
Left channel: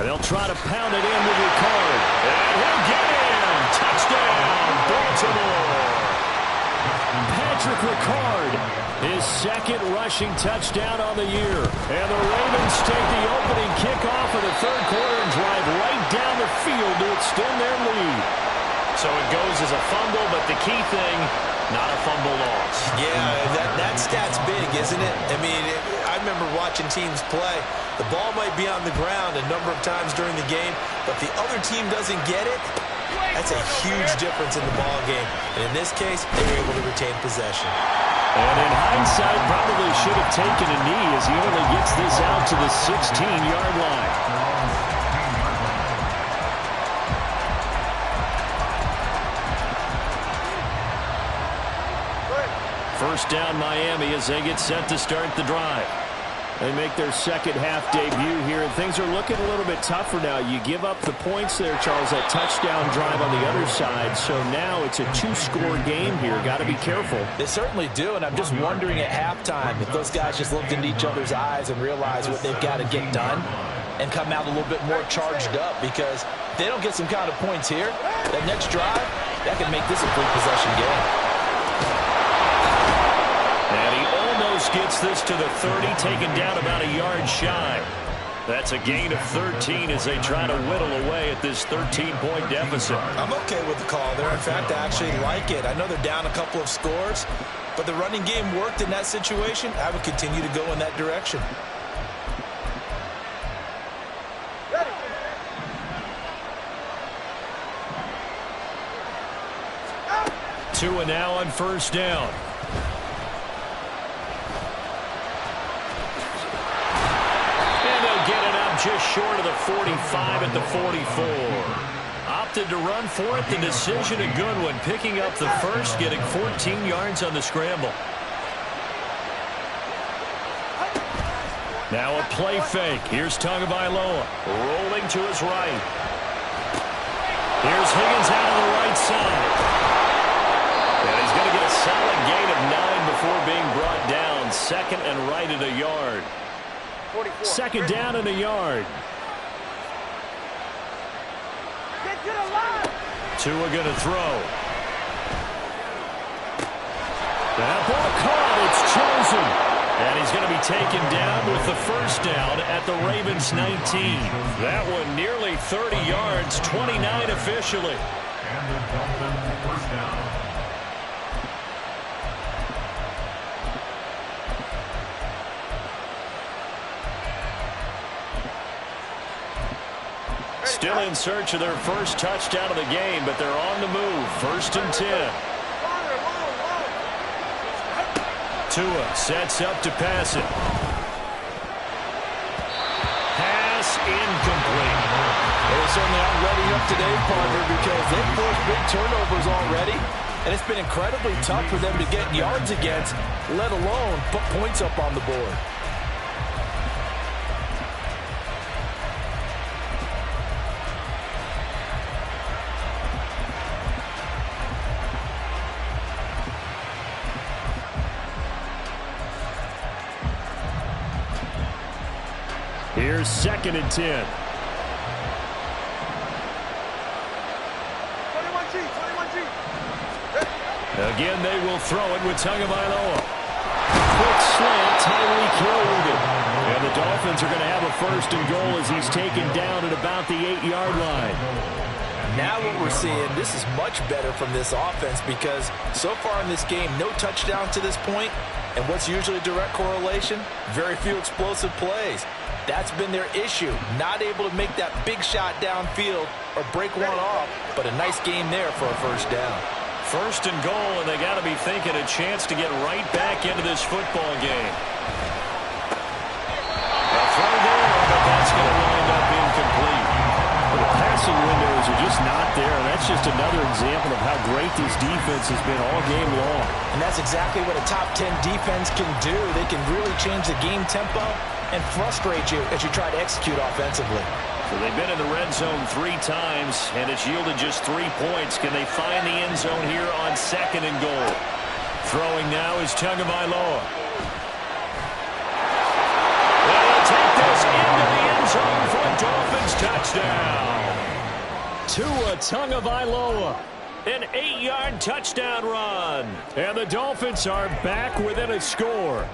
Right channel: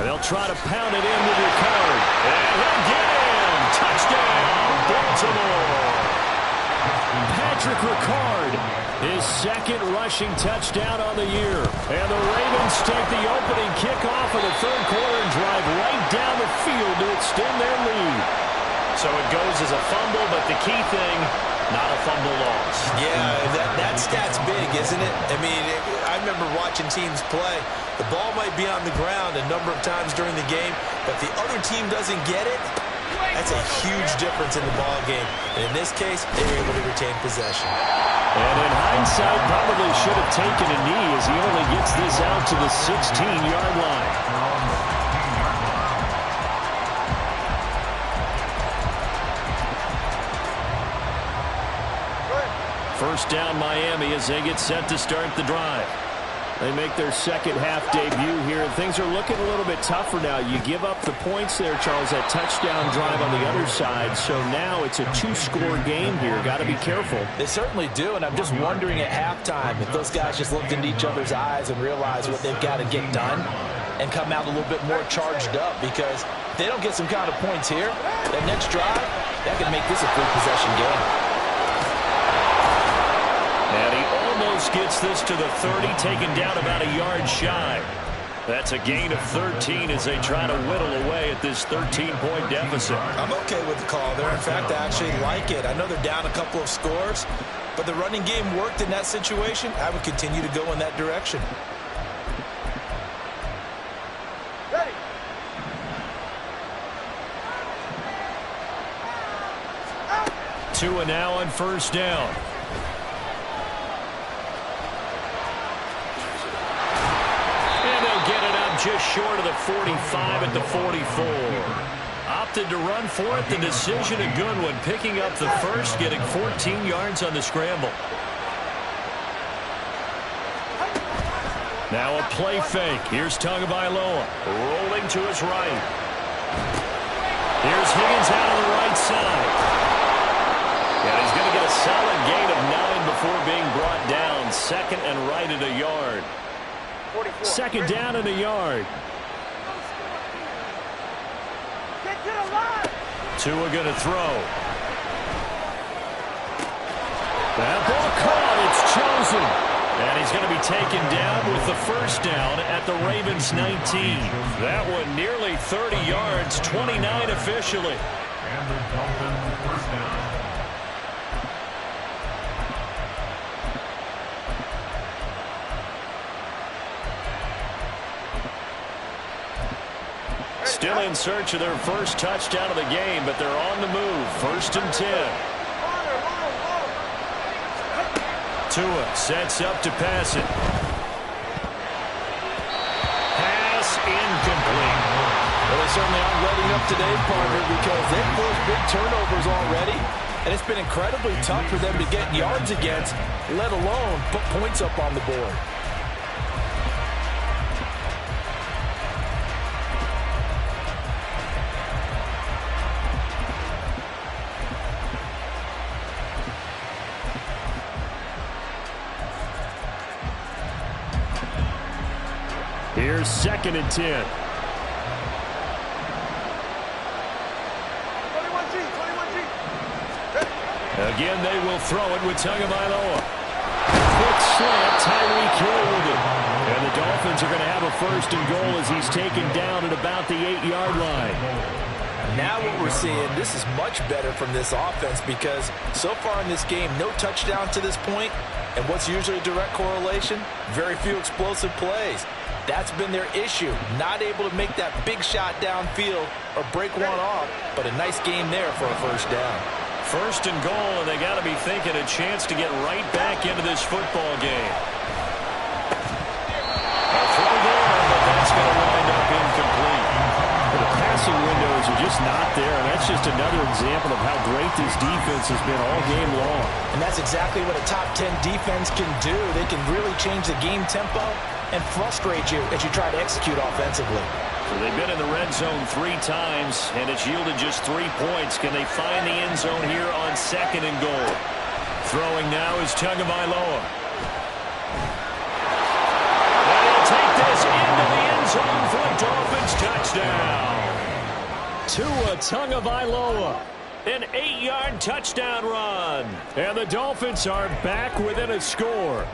And they'll try to pound it in with Ricard. And he'll get in. Touchdown, Baltimore. Patrick Ricard, his second rushing touchdown on the year. And the Ravens take the opening kickoff of the third quarter and drive right down the field to extend their lead. So it goes as a fumble, but the key thing, not a fumble loss. Yeah, that stat's big, isn't it? I mean, I remember watching teams play. The ball might be on the ground a number of times during the game, but the other team doesn't get it. That's a huge difference in the ball game. And in this case, they were able to retain possession. And in hindsight, probably should have taken a knee as he only gets this out to the 16-yard line. First down Miami as they get set to start the drive. They make their second half debut here, and things are looking a little bit tougher now. You give up the points there, Charles, that touchdown drive on the other side. So now it's a two-score game here. Got to be careful. They certainly do, and I'm just wondering at halftime if those guys just looked into each other's eyes and realized what they've got to get done and come out a little bit more charged up, because if they don't get some kind of points here, that next drive, that could make this a three-possession game. And he almost gets this to the 30, taken down about a yard shy. That's a gain of 13 as they try to whittle away at this 13-point deficit. I'm okay with the call there. In fact, I actually like it. I know they're down a couple of scores, but the running game worked in that situation. I would continue to go in that direction. Ready. Tua now on first down. And they'll get it up just short of the 45 at the 44. Opted to run for it. The decision a good one. Picking up the first, getting 14 yards on the scramble. Now a play fake. Here's Tagovailoa rolling to his right. Here's Higgins out on the right side. And he's going to get a solid gain of 9 before being brought down. Second and right at a yard. Second down and a yard. Get to the line. Tua going to throw. That ball caught. It's chosen. And he's going to be taken down with the first down at the Ravens 19. That one nearly 30 yards, 29 officially. And the Dolphins first down. Still in search of their first touchdown of the game, but they're on the move. First and 10. Tua sets up to pass it. Pass incomplete. Well, they certainly aren't letting up today, partner, because they've forced big turnovers already, and it's been incredibly tough for them to get yards against, let alone put points up on the board. Here's second and 10. 21G, 21G. Again, they will throw it with Tagovailoa. Quick slant, Tyreek Hill with it. And the Dolphins are going to have a first and goal as he's taken down at about the 8-yard line. Now what we're seeing, this is much better from this offense, because so far in this game, no touchdown to this point. And what's usually a direct correlation? Very few explosive plays. That's been their issue. Not able to make that big shot downfield or break one off, but a nice game there for a first down. First and goal, and they got to be thinking a chance to get right back into this football game. A throw there, but that's going to wind up incomplete. The passing windows are just not there, and that's just another example of how great this defense has been all game long. And that's exactly what a top 10 defense can do. They can really change the game tempo and frustrate you as you try to execute offensively. So they've been in the red zone 3 times, and it's yielded just 3 points. Can they find the end zone here on second and goal? Throwing now is Tagovailoa. And he'll take this into the end zone for a Dolphins touchdown. Tua Tagovailoa. An 8-yard touchdown run. And the Dolphins are back within a score.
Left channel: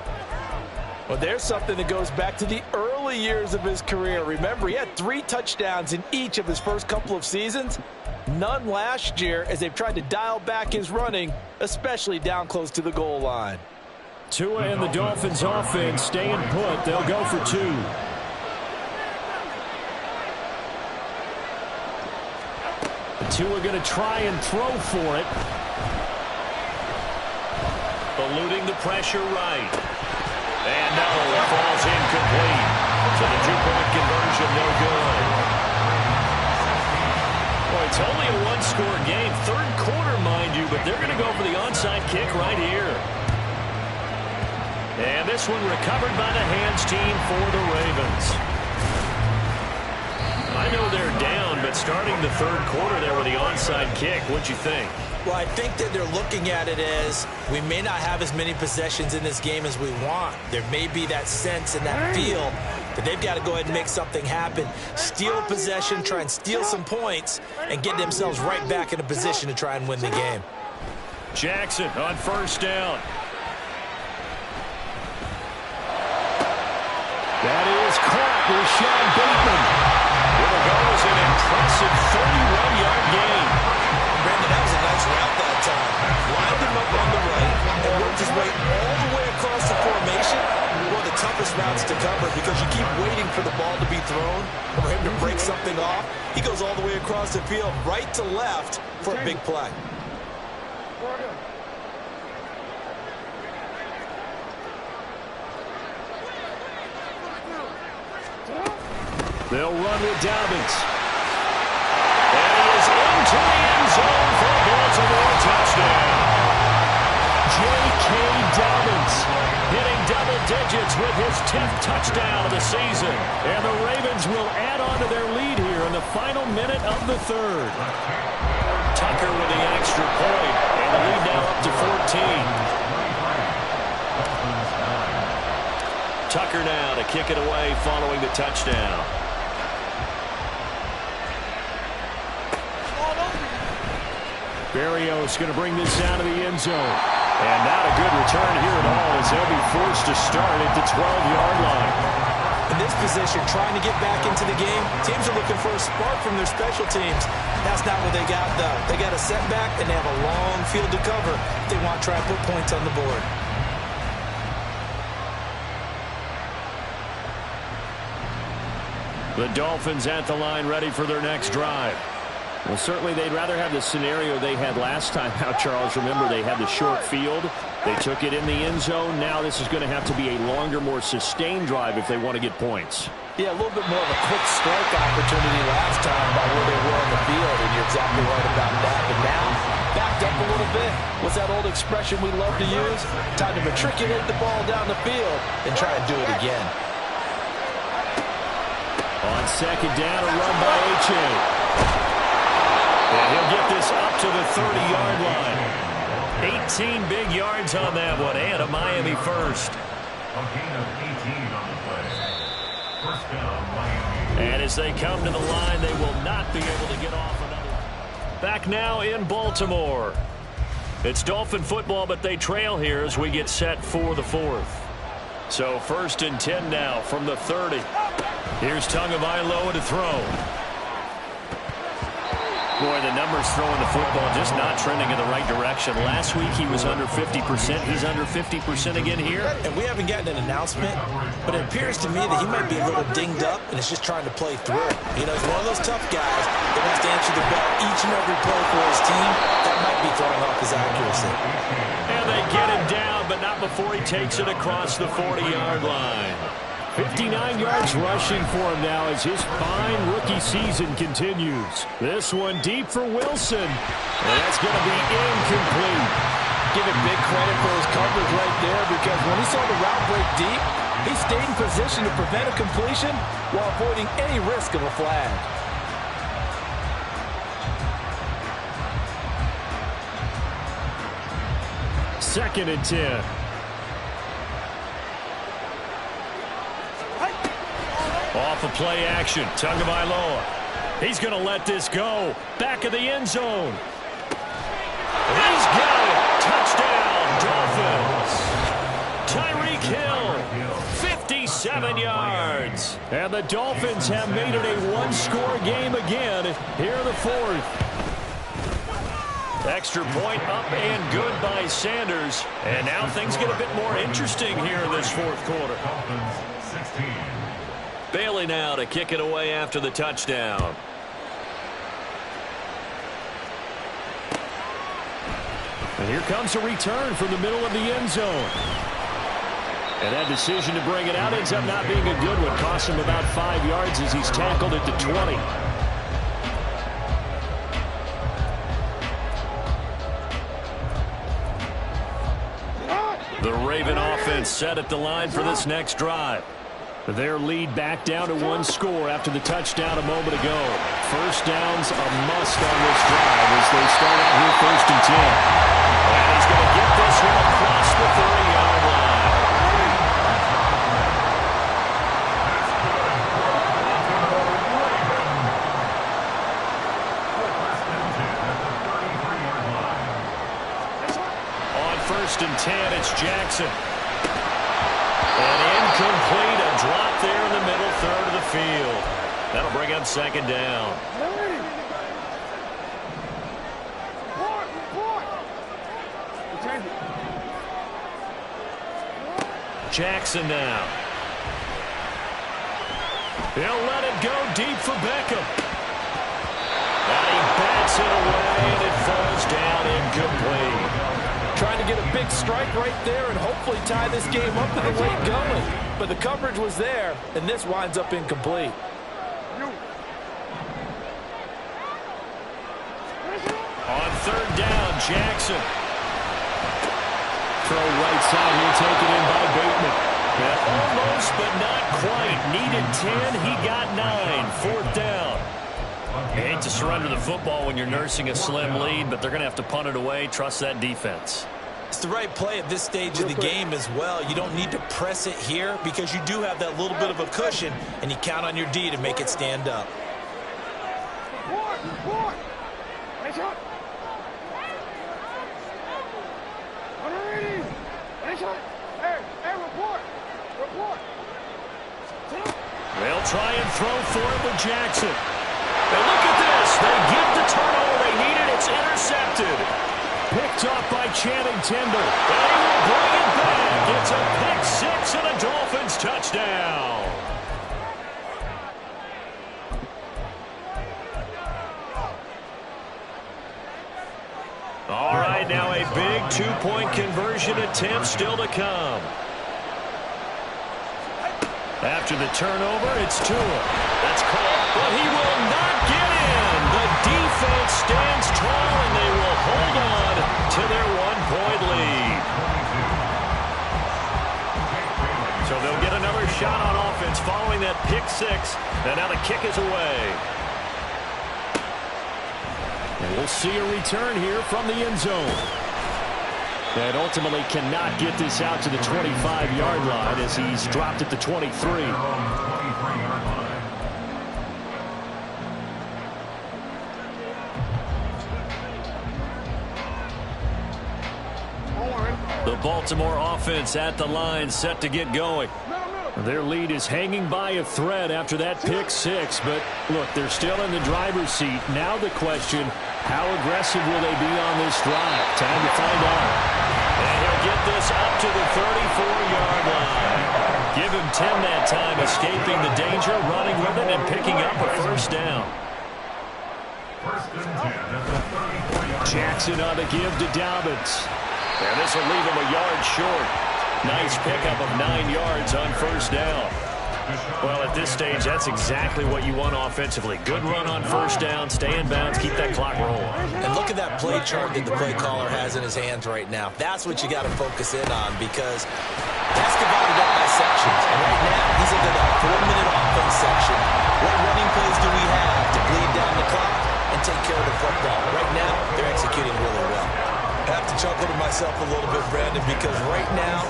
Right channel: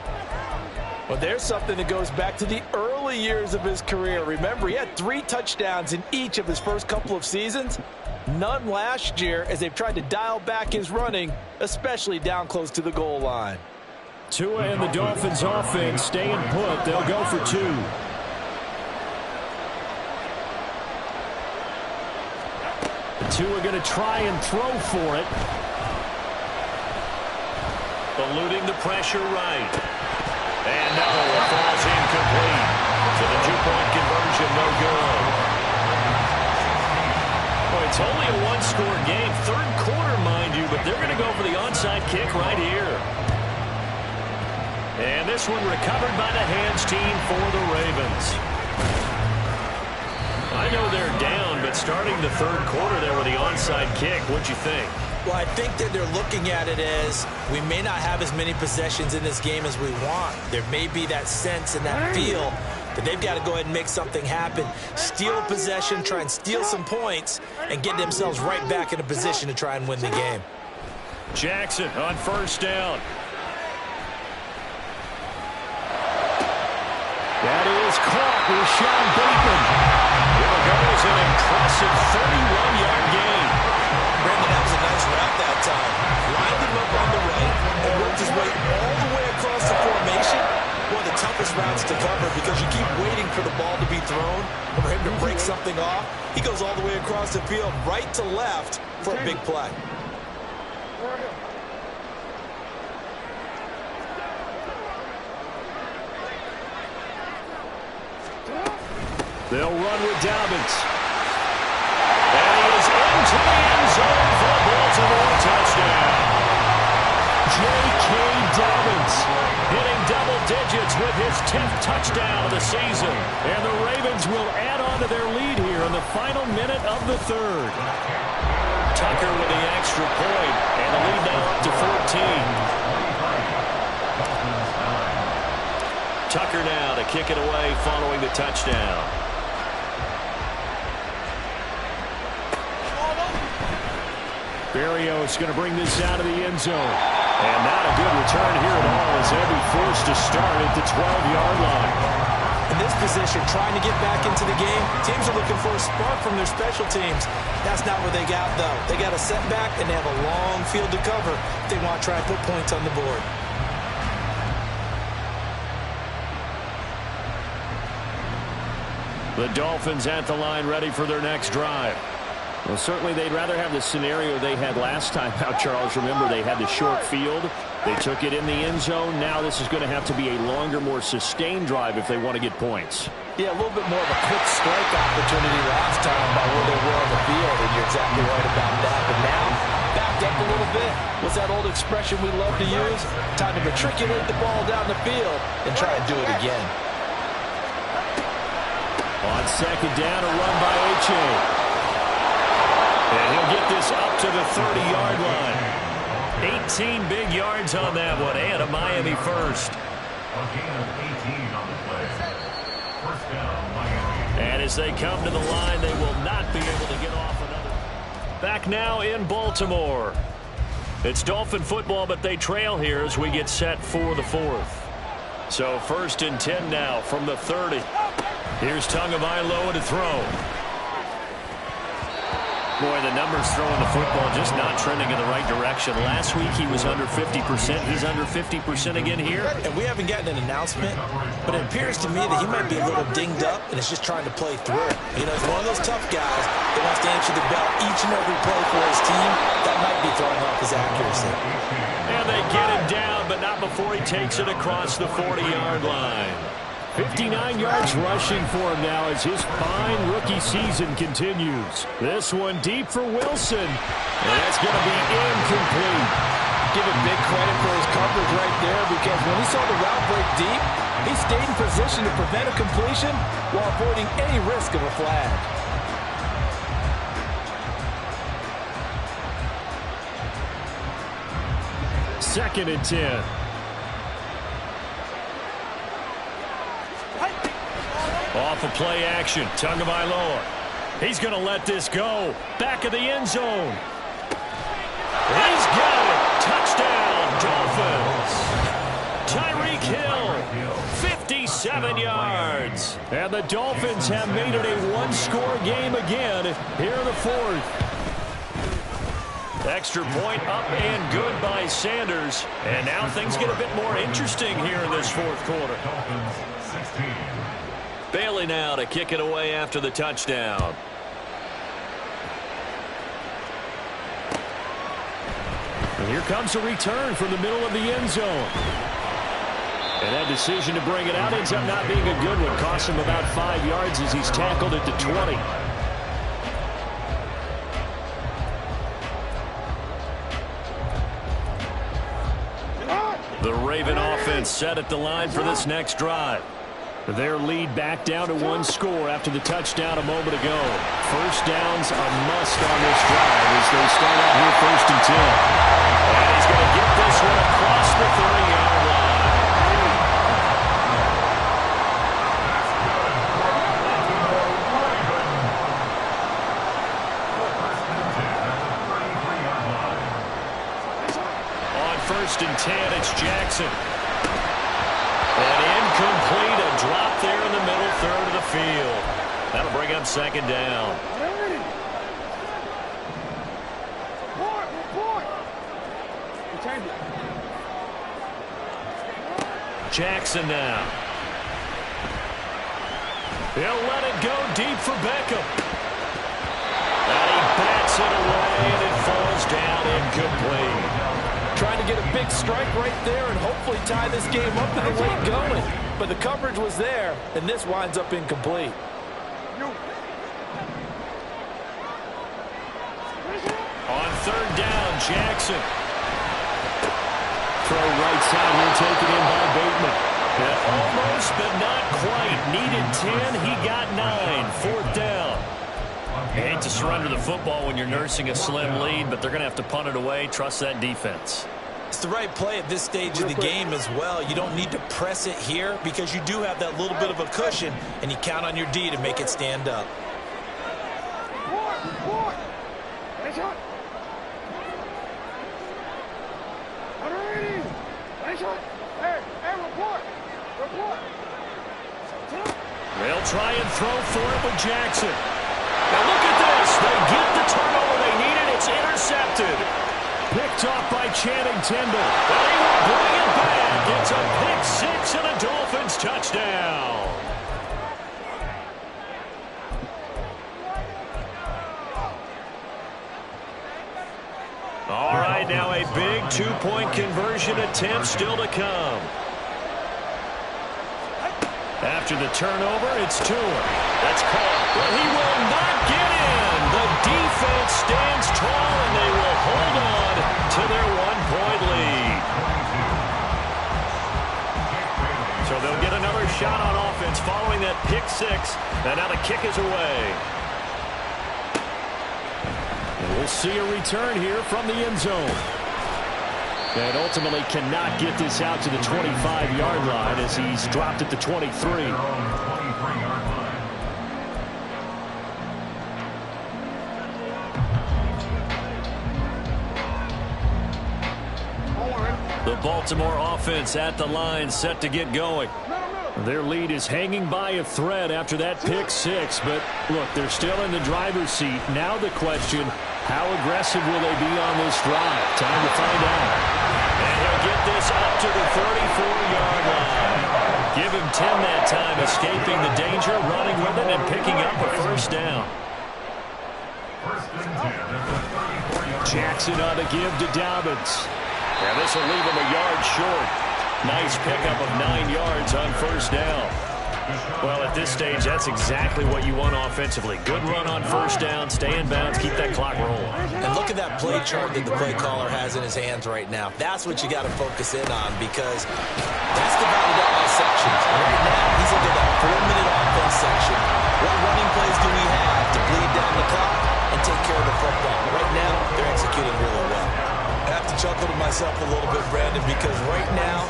Well, there's something that goes back to the early years of his career. Remember, he had 3 touchdowns in each of his first couple of seasons. None last year as they've tried to dial back his running, especially down close to the goal line. Tua and the Dolphins offense staying put. They'll go for 2. Tua going to try and throw for it. Eluding the pressure right. And no, it falls incomplete. So the two-point conversion no good. Boy, it's only a one-score game. Third quarter, mind you, but they're going to go for the onside kick right here. And this one recovered by the hands team for the Ravens. I know they're down, but starting the third quarter there with the onside kick, what'd you think? Well, I think that they're looking at it as we may not have as many possessions in this game as we want. There may be that sense and that feel that they've got to go ahead and make something happen. Steal a possession, try and steal some points, and get themselves right back in a position to try and win the game. Jackson on first down. That is caught with Sean Bateman. Here goes an impressive 31-yard gain. Brandon, that was a nice route that time. Lined him up on the right and worked his way all the way across the formation. One of the toughest routes to cover because you keep waiting for the ball to be thrown or for him to break something off. He goes all the way across the field, right to left for a big play. They'll run with Dobbins. And he is into the end zone for a Baltimore touchdown. J.K. Dobbins hitting double digits with his 10th touchdown of the season. And the Ravens will add on to their lead here in the final minute of the third. Tucker with the extra point, and the lead now up to 14. Tucker now to kick it away following the touchdown. Berrios going to bring this out of the end zone. And not a good return here at all as they'll be forced to start at the 12-yard line. In this position, trying to get back into the game, teams are looking for a spark from their special teams. That's not what they got, though. They got a setback, and they have a long field to cover if they want to try and put points on the board. The Dolphins at the line ready for their next drive. Well, certainly they'd rather have the scenario they had last time out, Charles. Remember, they had the short field. They took it in the end zone. Now this is going to have to be a longer, more sustained drive if they want to get points. Yeah, a little bit more of a quick strike opportunity last time by where they were on the field, and you're exactly right about that. But now, backed up a little bit. What's that old expression we love to use? Time to matriculate the ball down the field and try and do it again. On second down, a run by H.A. And he'll get this up to the 30-yard line. 18 big yards on that one, and a Miami first. A gain of 18 on the play. First down, Miami. And as they come to the line, they will not be able to get off another. Back now in Baltimore. It's Dolphin football, but they trail here as we get set for the fourth. So 1st and 10 now from the 30. Here's Tagovailoa to throw. Boy, the numbers throwing the football just not trending in the right direction. Last week he was under 50%. He's under 50% again here. And we haven't gotten an announcement, but it appears to me that he might be a little dinged up and is just trying to play through it. You know, he's one of those tough guys that wants to answer the bell each and every play for his team. That might be throwing off his accuracy. And they get him down, but not before he takes it across the 40-yard line. 59 yards rushing for him now as his fine rookie season continues. This one deep for Wilson. And that's going to be incomplete. Give him big credit for his coverage right there, because when he saw the route break deep, he stayed in position to prevent a completion while avoiding any risk of a flag. Second and 10. Off of play action, Tagovailoa. He's going to let this go. Back of the end zone. He's got it. Touchdown, Dolphins. Tyreek Hill, 57 yards. And the Dolphins have made it a one-score game again here in the fourth. Extra point up and good by Sanders. And now things get a bit more interesting here in this fourth quarter. Dolphins 16. Bailey now to kick it away after the touchdown. And here comes a return from the middle of the end zone. And that decision to bring it out ends up not being a good one. Costs him about 5 yards as he's tackled at the 20. The Raven offense set at the line for this next drive. Their lead back down to 1 score after the touchdown a moment ago. First down's a must on this drive as they start out here 1st and 10. And he's going to get this one across the 30-yard line. On 1st and 10, it's Jackson. And incomplete, a drop there in the middle third of the field. That'll bring up 2nd down. Jackson now. He'll let it go deep for Beckham. And he bats it away, and it falls down incomplete. Trying to get a big strike right there and hopefully tie this game up in the late going. But the coverage was there, and this winds up incomplete. On 3rd down, Jackson. Throw right side here, taken in by Bateman. And almost, but not quite. Needed 10, he got 9. 4th down. You hate to surrender the football when you're nursing a slim lead, but they're going to have to punt it away. Trust that defense. It's the right play at this stage of the game as well. You don't need to press it here because you do have that little bit of a cushion, and you count on your D to make it stand up. They'll try and throw for it with Jackson. Now look at this. They get the turnover they needed. It's intercepted. Picked off by Channing Tindall. And he will bring it back. It's a pick 6 and a Dolphins touchdown. All right, now a big 2-point conversion attempt still to come. After the turnover, it's Tua. That's caught, but he will not get in. The defense stands tall, and they will hold on to their 1-point lead. So they'll get another shot on offense following that pick 6, and now the kick is away. And we'll see a return here from the end zone. And ultimately cannot get this out to the 25-yard line as he's dropped at the 23. The Baltimore offense at the line, set to get going. Their lead is hanging by a thread after that pick 6, but look, they're still in the driver's seat. Now the question, how aggressive will they be on this drive? Time to find out. And he'll get this up to the 34-yard line. Give him 10 that time, escaping the danger, running with it, and picking up a 1st down. Jackson on the give to Dobbins. And this will leave him a yard short. Nice pickup of 9 yards on 1st down. Well, at this stage, that's exactly what you want offensively. Good run on 1st down, stay in bounds, keep that clock rolling. And look at that play chart that the play caller has in his hands right now. That's what you got to focus in on because that's divided up by sections. And right now, he's looking at that 4-minute offense section. What running plays do we have to bleed down the clock and take care of the football? Right now, they're executing really well. I have to chuckle to myself a little bit, Brandon, because right now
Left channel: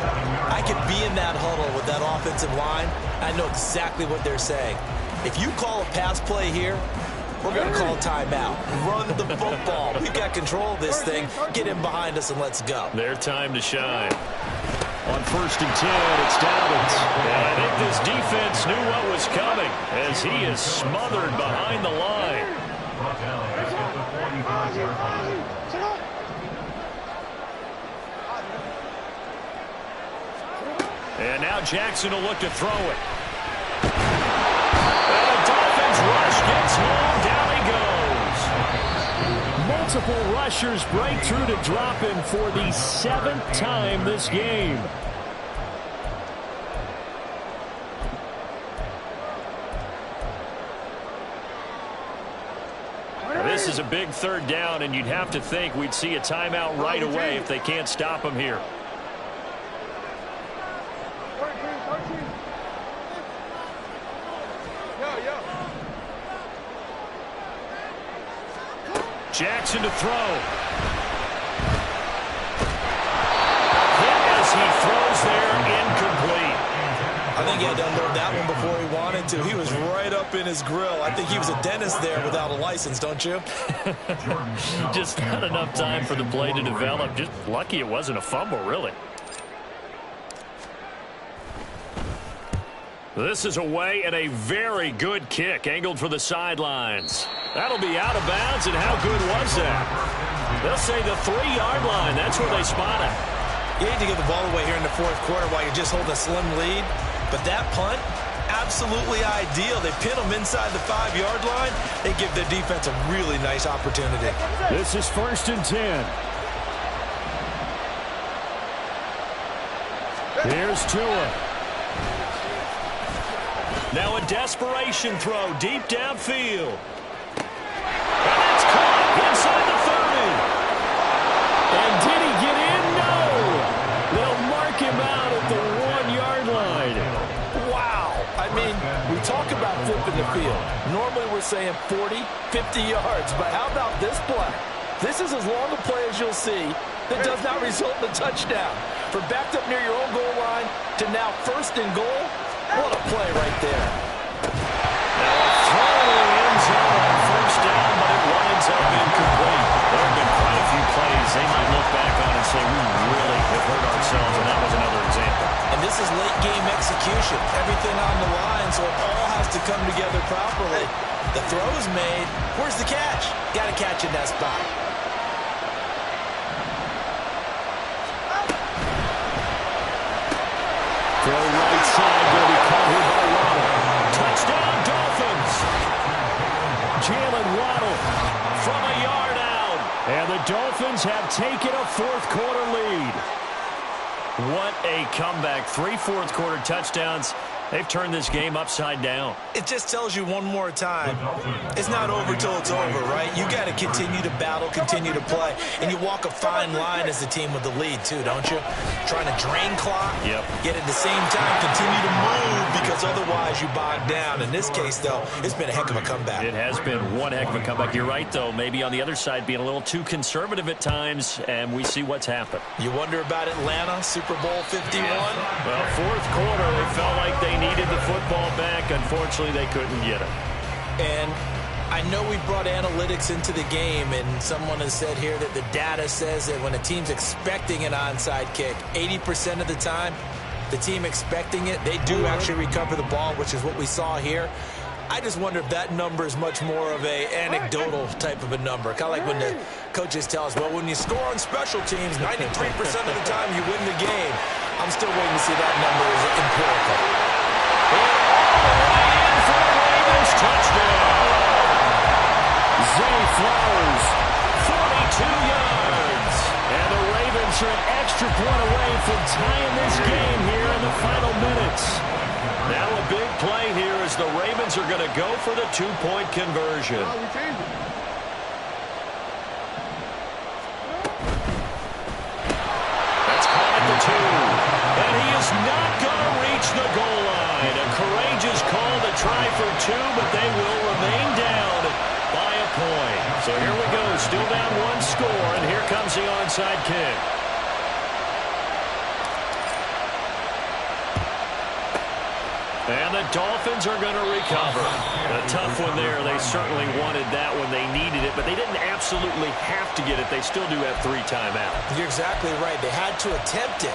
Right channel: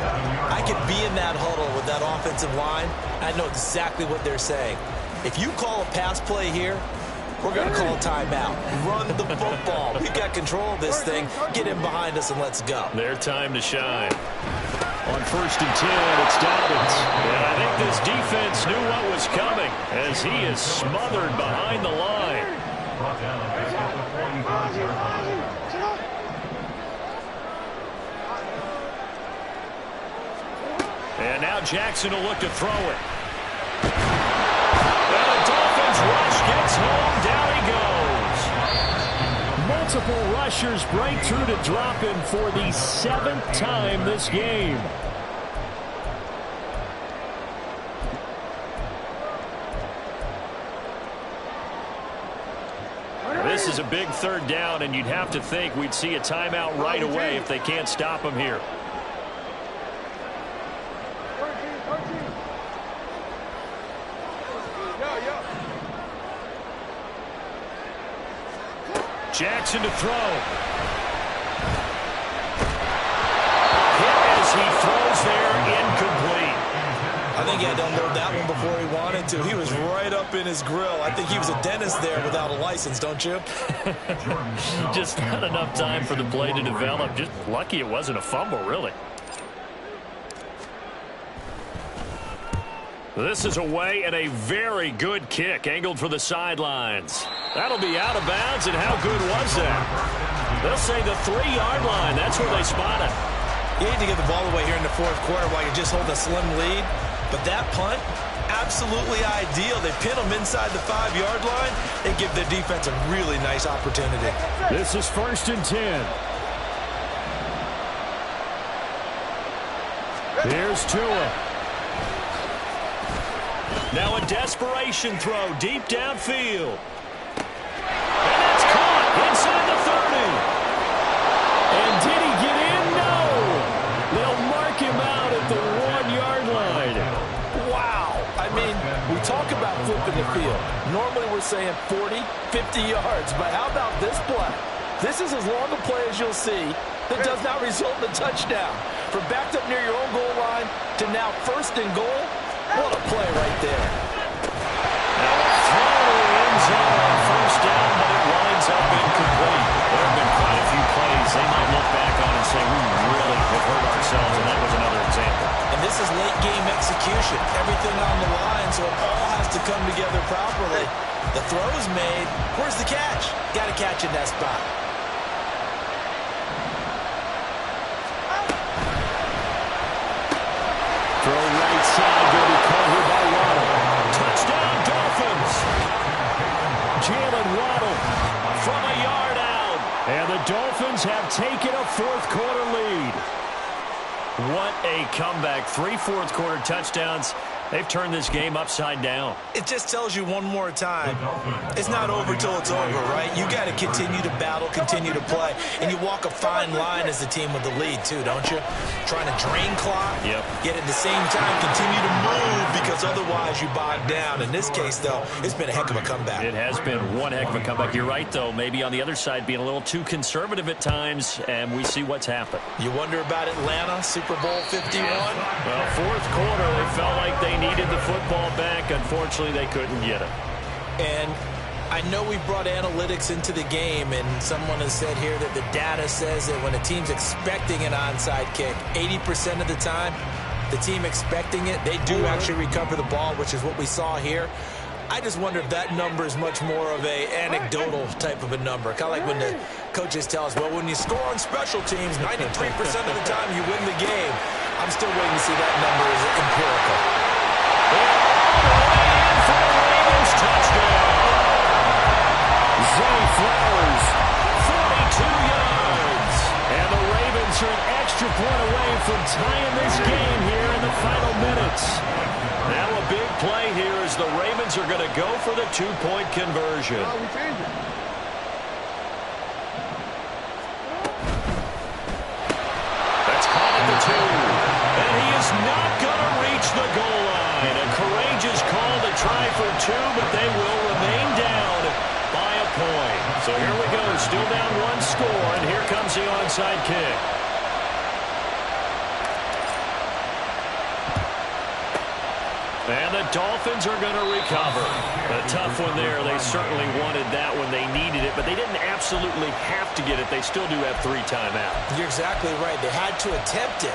I could be in that huddle with that offensive line. I know exactly what they're saying. If you call a pass play here, we're going to call a timeout. Run the football. We've got control of this thing. Get in behind us and let's go. Their time to shine. On 1st and 10, it's Dobbins. And I think this defense knew what was coming as he is smothered behind the line. And now Jackson will look to throw it. And the Dolphins rush gets home. Down he goes. Multiple rushers break through to drop him for the 7th time this game. This is a big 3rd down, and you'd have to think we'd see a timeout right away if they can't stop him here. 13. Yo. Jackson to throw. Hit as he throws there, incomplete. I think he had to unload that one before he wanted to. He was right up in his grill. I think he was a dentist there without a license, don't you? Just not enough time for the play to develop. Just lucky it wasn't a fumble, really. This is away and a very good kick angled for the sidelines. That'll be out of bounds, and how good was that? They'll say the 3-yard line. That's where they spot it. You hate to get the ball away here in the 4th quarter while you're just holding a slim lead. But that punt, absolutely ideal. They pin them inside the 5-yard line. They give their defense a really nice opportunity. This is 1st and 10. Here's Tua. Now a desperation throw deep downfield. And that's caught inside the 30. And did he get in? No. They'll mark him out at the 1-yard line. Wow. I mean, we talk about flipping the field. Normally we're saying 40, 50 yards. But how about this play? This is as long a play as you'll see that does not result in a touchdown. From backed up near your own goal line to now 1st and goal. What a play right there. Now a throw to the end zone on 1st down, but it winds up incomplete. There have been quite a few plays they might look back on and say, we really have hurt ourselves, and that was another example. And this is late game execution. Everything on the line, so it all has to come together properly. The throw's made. Where's the catch? Got to catch in that spot. Throw right side, going to be caught here by Waddle. Touchdown, Dolphins. Jalen Waddle from a yard out. And the Dolphins have taken a 4th quarter lead. What a comeback. 3 4th quarter touchdowns. They've turned this game upside down. It just tells you one more time, it's not over till it's over, right? You got to continue to battle, continue to play, and you walk a fine line as a team with the lead too, don't you? Trying to drain clock, yep. Yet at the same time continue to move because otherwise you bog down. In this case, though, it's been a heck of a comeback. It has been one heck of a comeback. You're right, though. Maybe on the other side being a little too conservative at times, and we see what's happened. You wonder about Atlanta, Super Bowl 51? Well, 4th quarter, they felt like they needed the football back. Unfortunately, they couldn't get it. And I know we brought analytics into the game, and someone has said here that the data says that when a team's expecting an onside kick, 80% of the time, the team expecting it, they do actually recover the ball, which is what we saw here. I just wonder if that number is much more of a anecdotal type of a number. Kind of like when the coaches tell us, well, when you score on special teams, 93% of the time you win the game. I'm still waiting to see that number is empirical. And all the way in for the Ravens touchdown. Zay Flowers, 42 yards. And the Ravens are an extra point away from tying this game here in the final minutes. Now a big play here as the Ravens are going to go for the 2-point conversion. Oh, we changed it. That's caught at the 2. And he is not going to reach the goal line. A courageous call to try for 2, but they will remain down by a point. So here we go, still down 1 score, and here comes the onside kick. And the Dolphins are going to recover. A tough one there. They certainly wanted that when they needed it, but they didn't absolutely have to get it. They still do have 3 timeouts. You're exactly right. They had to attempt it.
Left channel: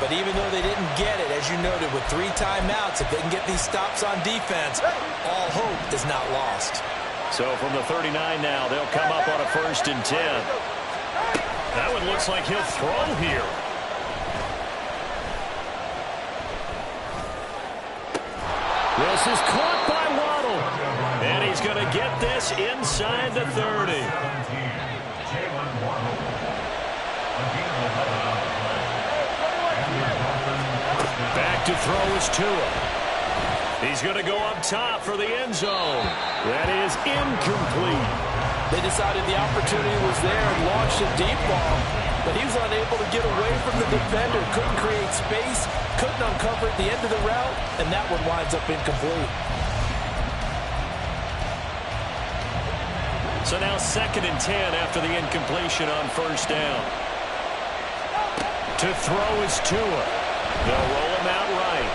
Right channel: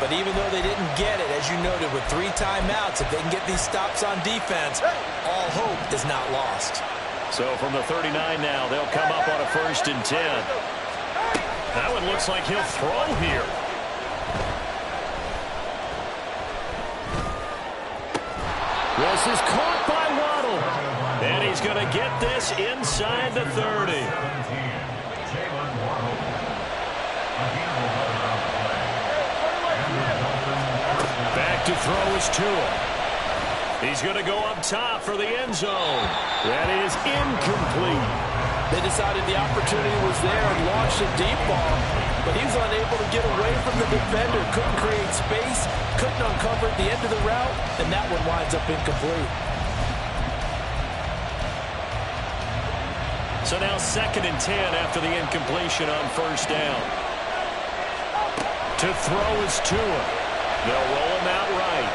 But even though they didn't get it, as you noted, with 3 timeouts, if they can get these stops on defense, all hope is not lost. So from the 39 now, they'll come up on a 1st and 10. That one looks like he'll throw here. This is caught by Waddle. And he's going to get this inside the 30. 1 hold. A gain of 11 on the play. And the Dolphins first down. Back to throw is Tua. He's going to go up top for the end zone. That is incomplete. They decided the opportunity was there and launched a deep ball, but he was unable to get away from the defender. Couldn't create space, couldn't uncover at the end of the route, and that one winds up incomplete. So now 2nd and 10 after the incompletion on first down. To throw is Tua. They'll roll him out right.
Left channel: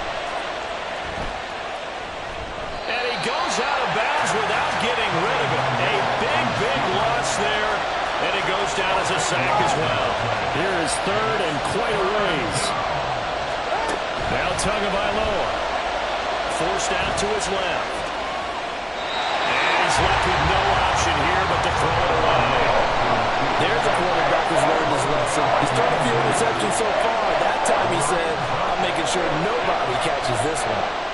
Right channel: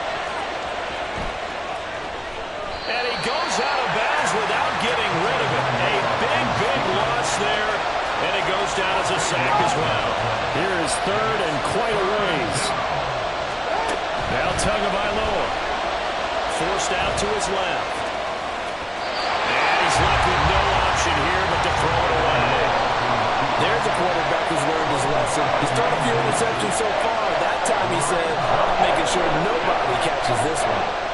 And he goes out of bounds without getting rid of it. A big loss there. And it goes down as a sack as well. Here is 3rd and quite a ways. Now Tagovailoa. Forced out to his left. And he's left with no option here but to throw it away. There's a quarterback who's learned his lesson. He's thrown a few interceptions so far. That time he said, I'm making sure nobody catches this one.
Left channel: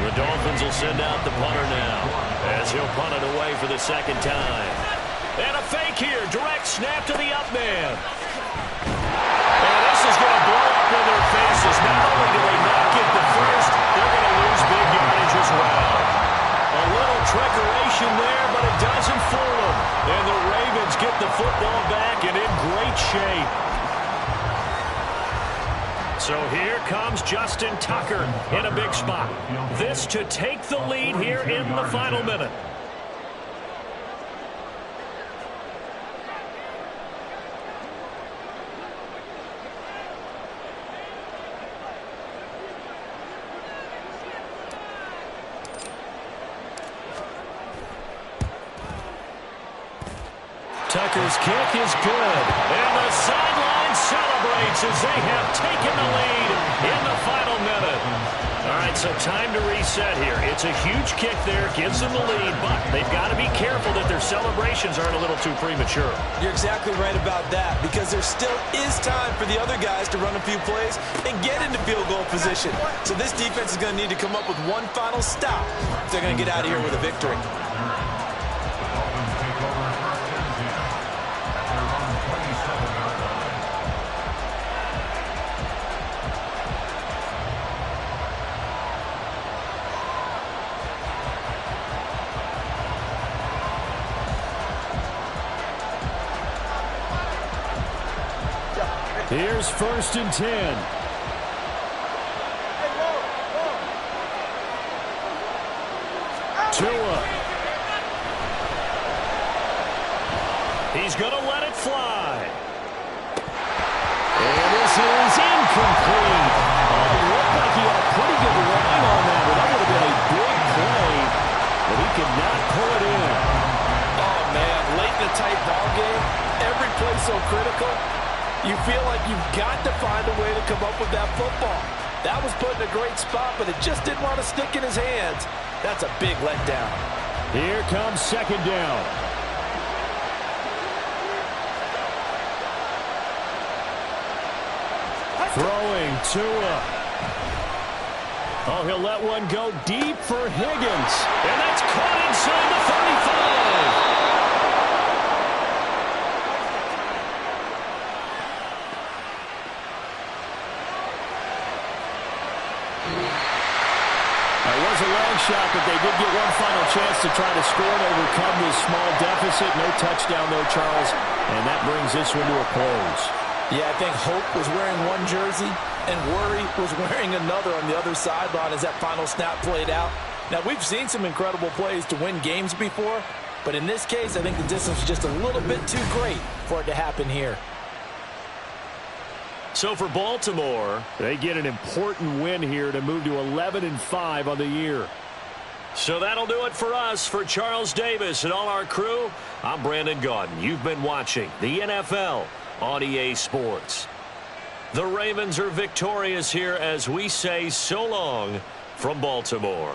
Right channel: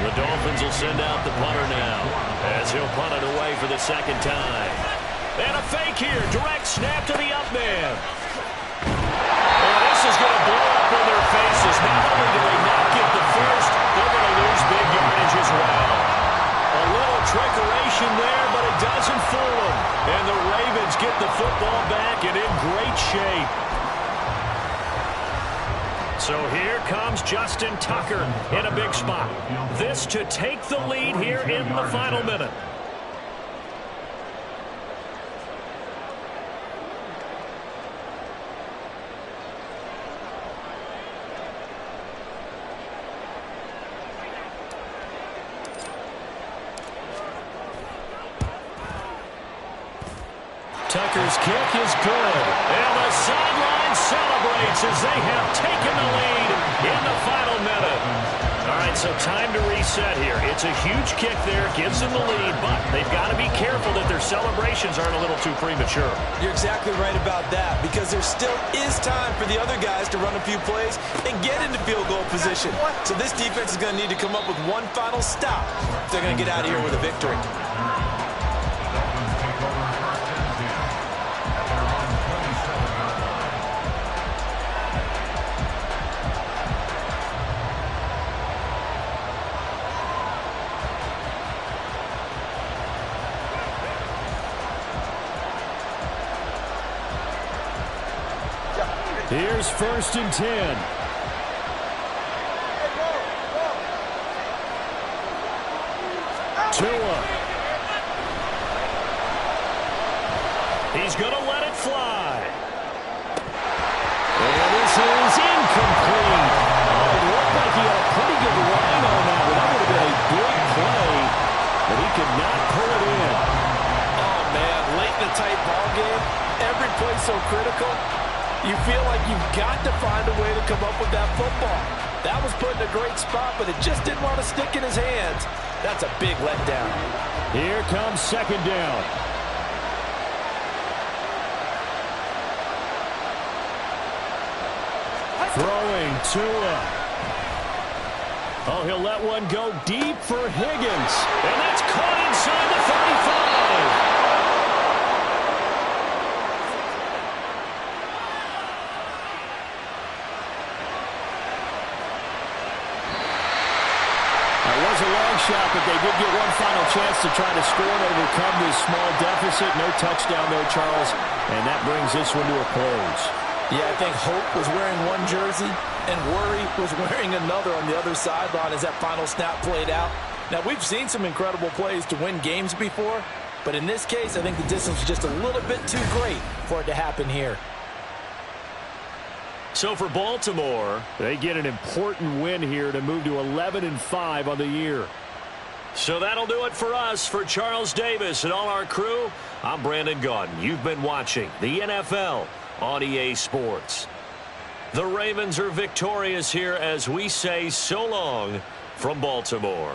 The Dolphins will send out the punter now as he'll punt it away for the 2nd time. And a fake here. Direct snap to the up man. And this is going to blow up in their faces. Not only do they not get the first, they're going to lose big yardage as well. A little trickeration there, but it doesn't fool them. And the Ravens get the football back and in great shape. So here comes Justin Tucker in a big spot. This to take the lead here in the final minute. Tucker's kick is good. And the sideline celebrates as they have taken the lead in the final minute. All right, so time to reset here. It's a huge kick there, gives them the lead, but they've got to be careful that their celebrations aren't a little too premature. You're exactly right about that, because there still is time for the other guys to run a few plays and get into field goal position. So this defense is going to need to come up with one final stop if they're going to get out of here with a victory. Dolphins take over 1st and 10 at their own 27-yard line. Here's 1st and 10. Tua. He's going to let it fly. And this is incomplete. Oh, it looked like he had a pretty good line on that one. That would have been a big play, but he could not pull it in. Oh, man, late in the tight ball game, every play so critical. You feel like you've got to find a way to come up with that football. That was put in a great spot, but it just didn't want to stick in his hands. That's a big letdown. Here comes 2nd down. Throwing Tua. Oh, he'll let one go deep for Higgins. And that's caught inside the 35. It was a long shot, but they did get one final chance to try to score and overcome this small deficit. No touchdown, though, Charles. And that brings this one to a close. Yeah, I think Hope was wearing one jersey and Worry was wearing another on the other sideline as that final snap played out. Now, we've seen some incredible plays to win games before, but in this case, I think the distance was just a little bit too great for it to happen here. So for Baltimore, they get an important win here to move to 11-5 on the year. So that'll do it for us. For Charles Davis and all our crew, I'm Brandon Gaudin. You've been watching the NFL on EA Sports. The Ravens are victorious here as we say so long from Baltimore.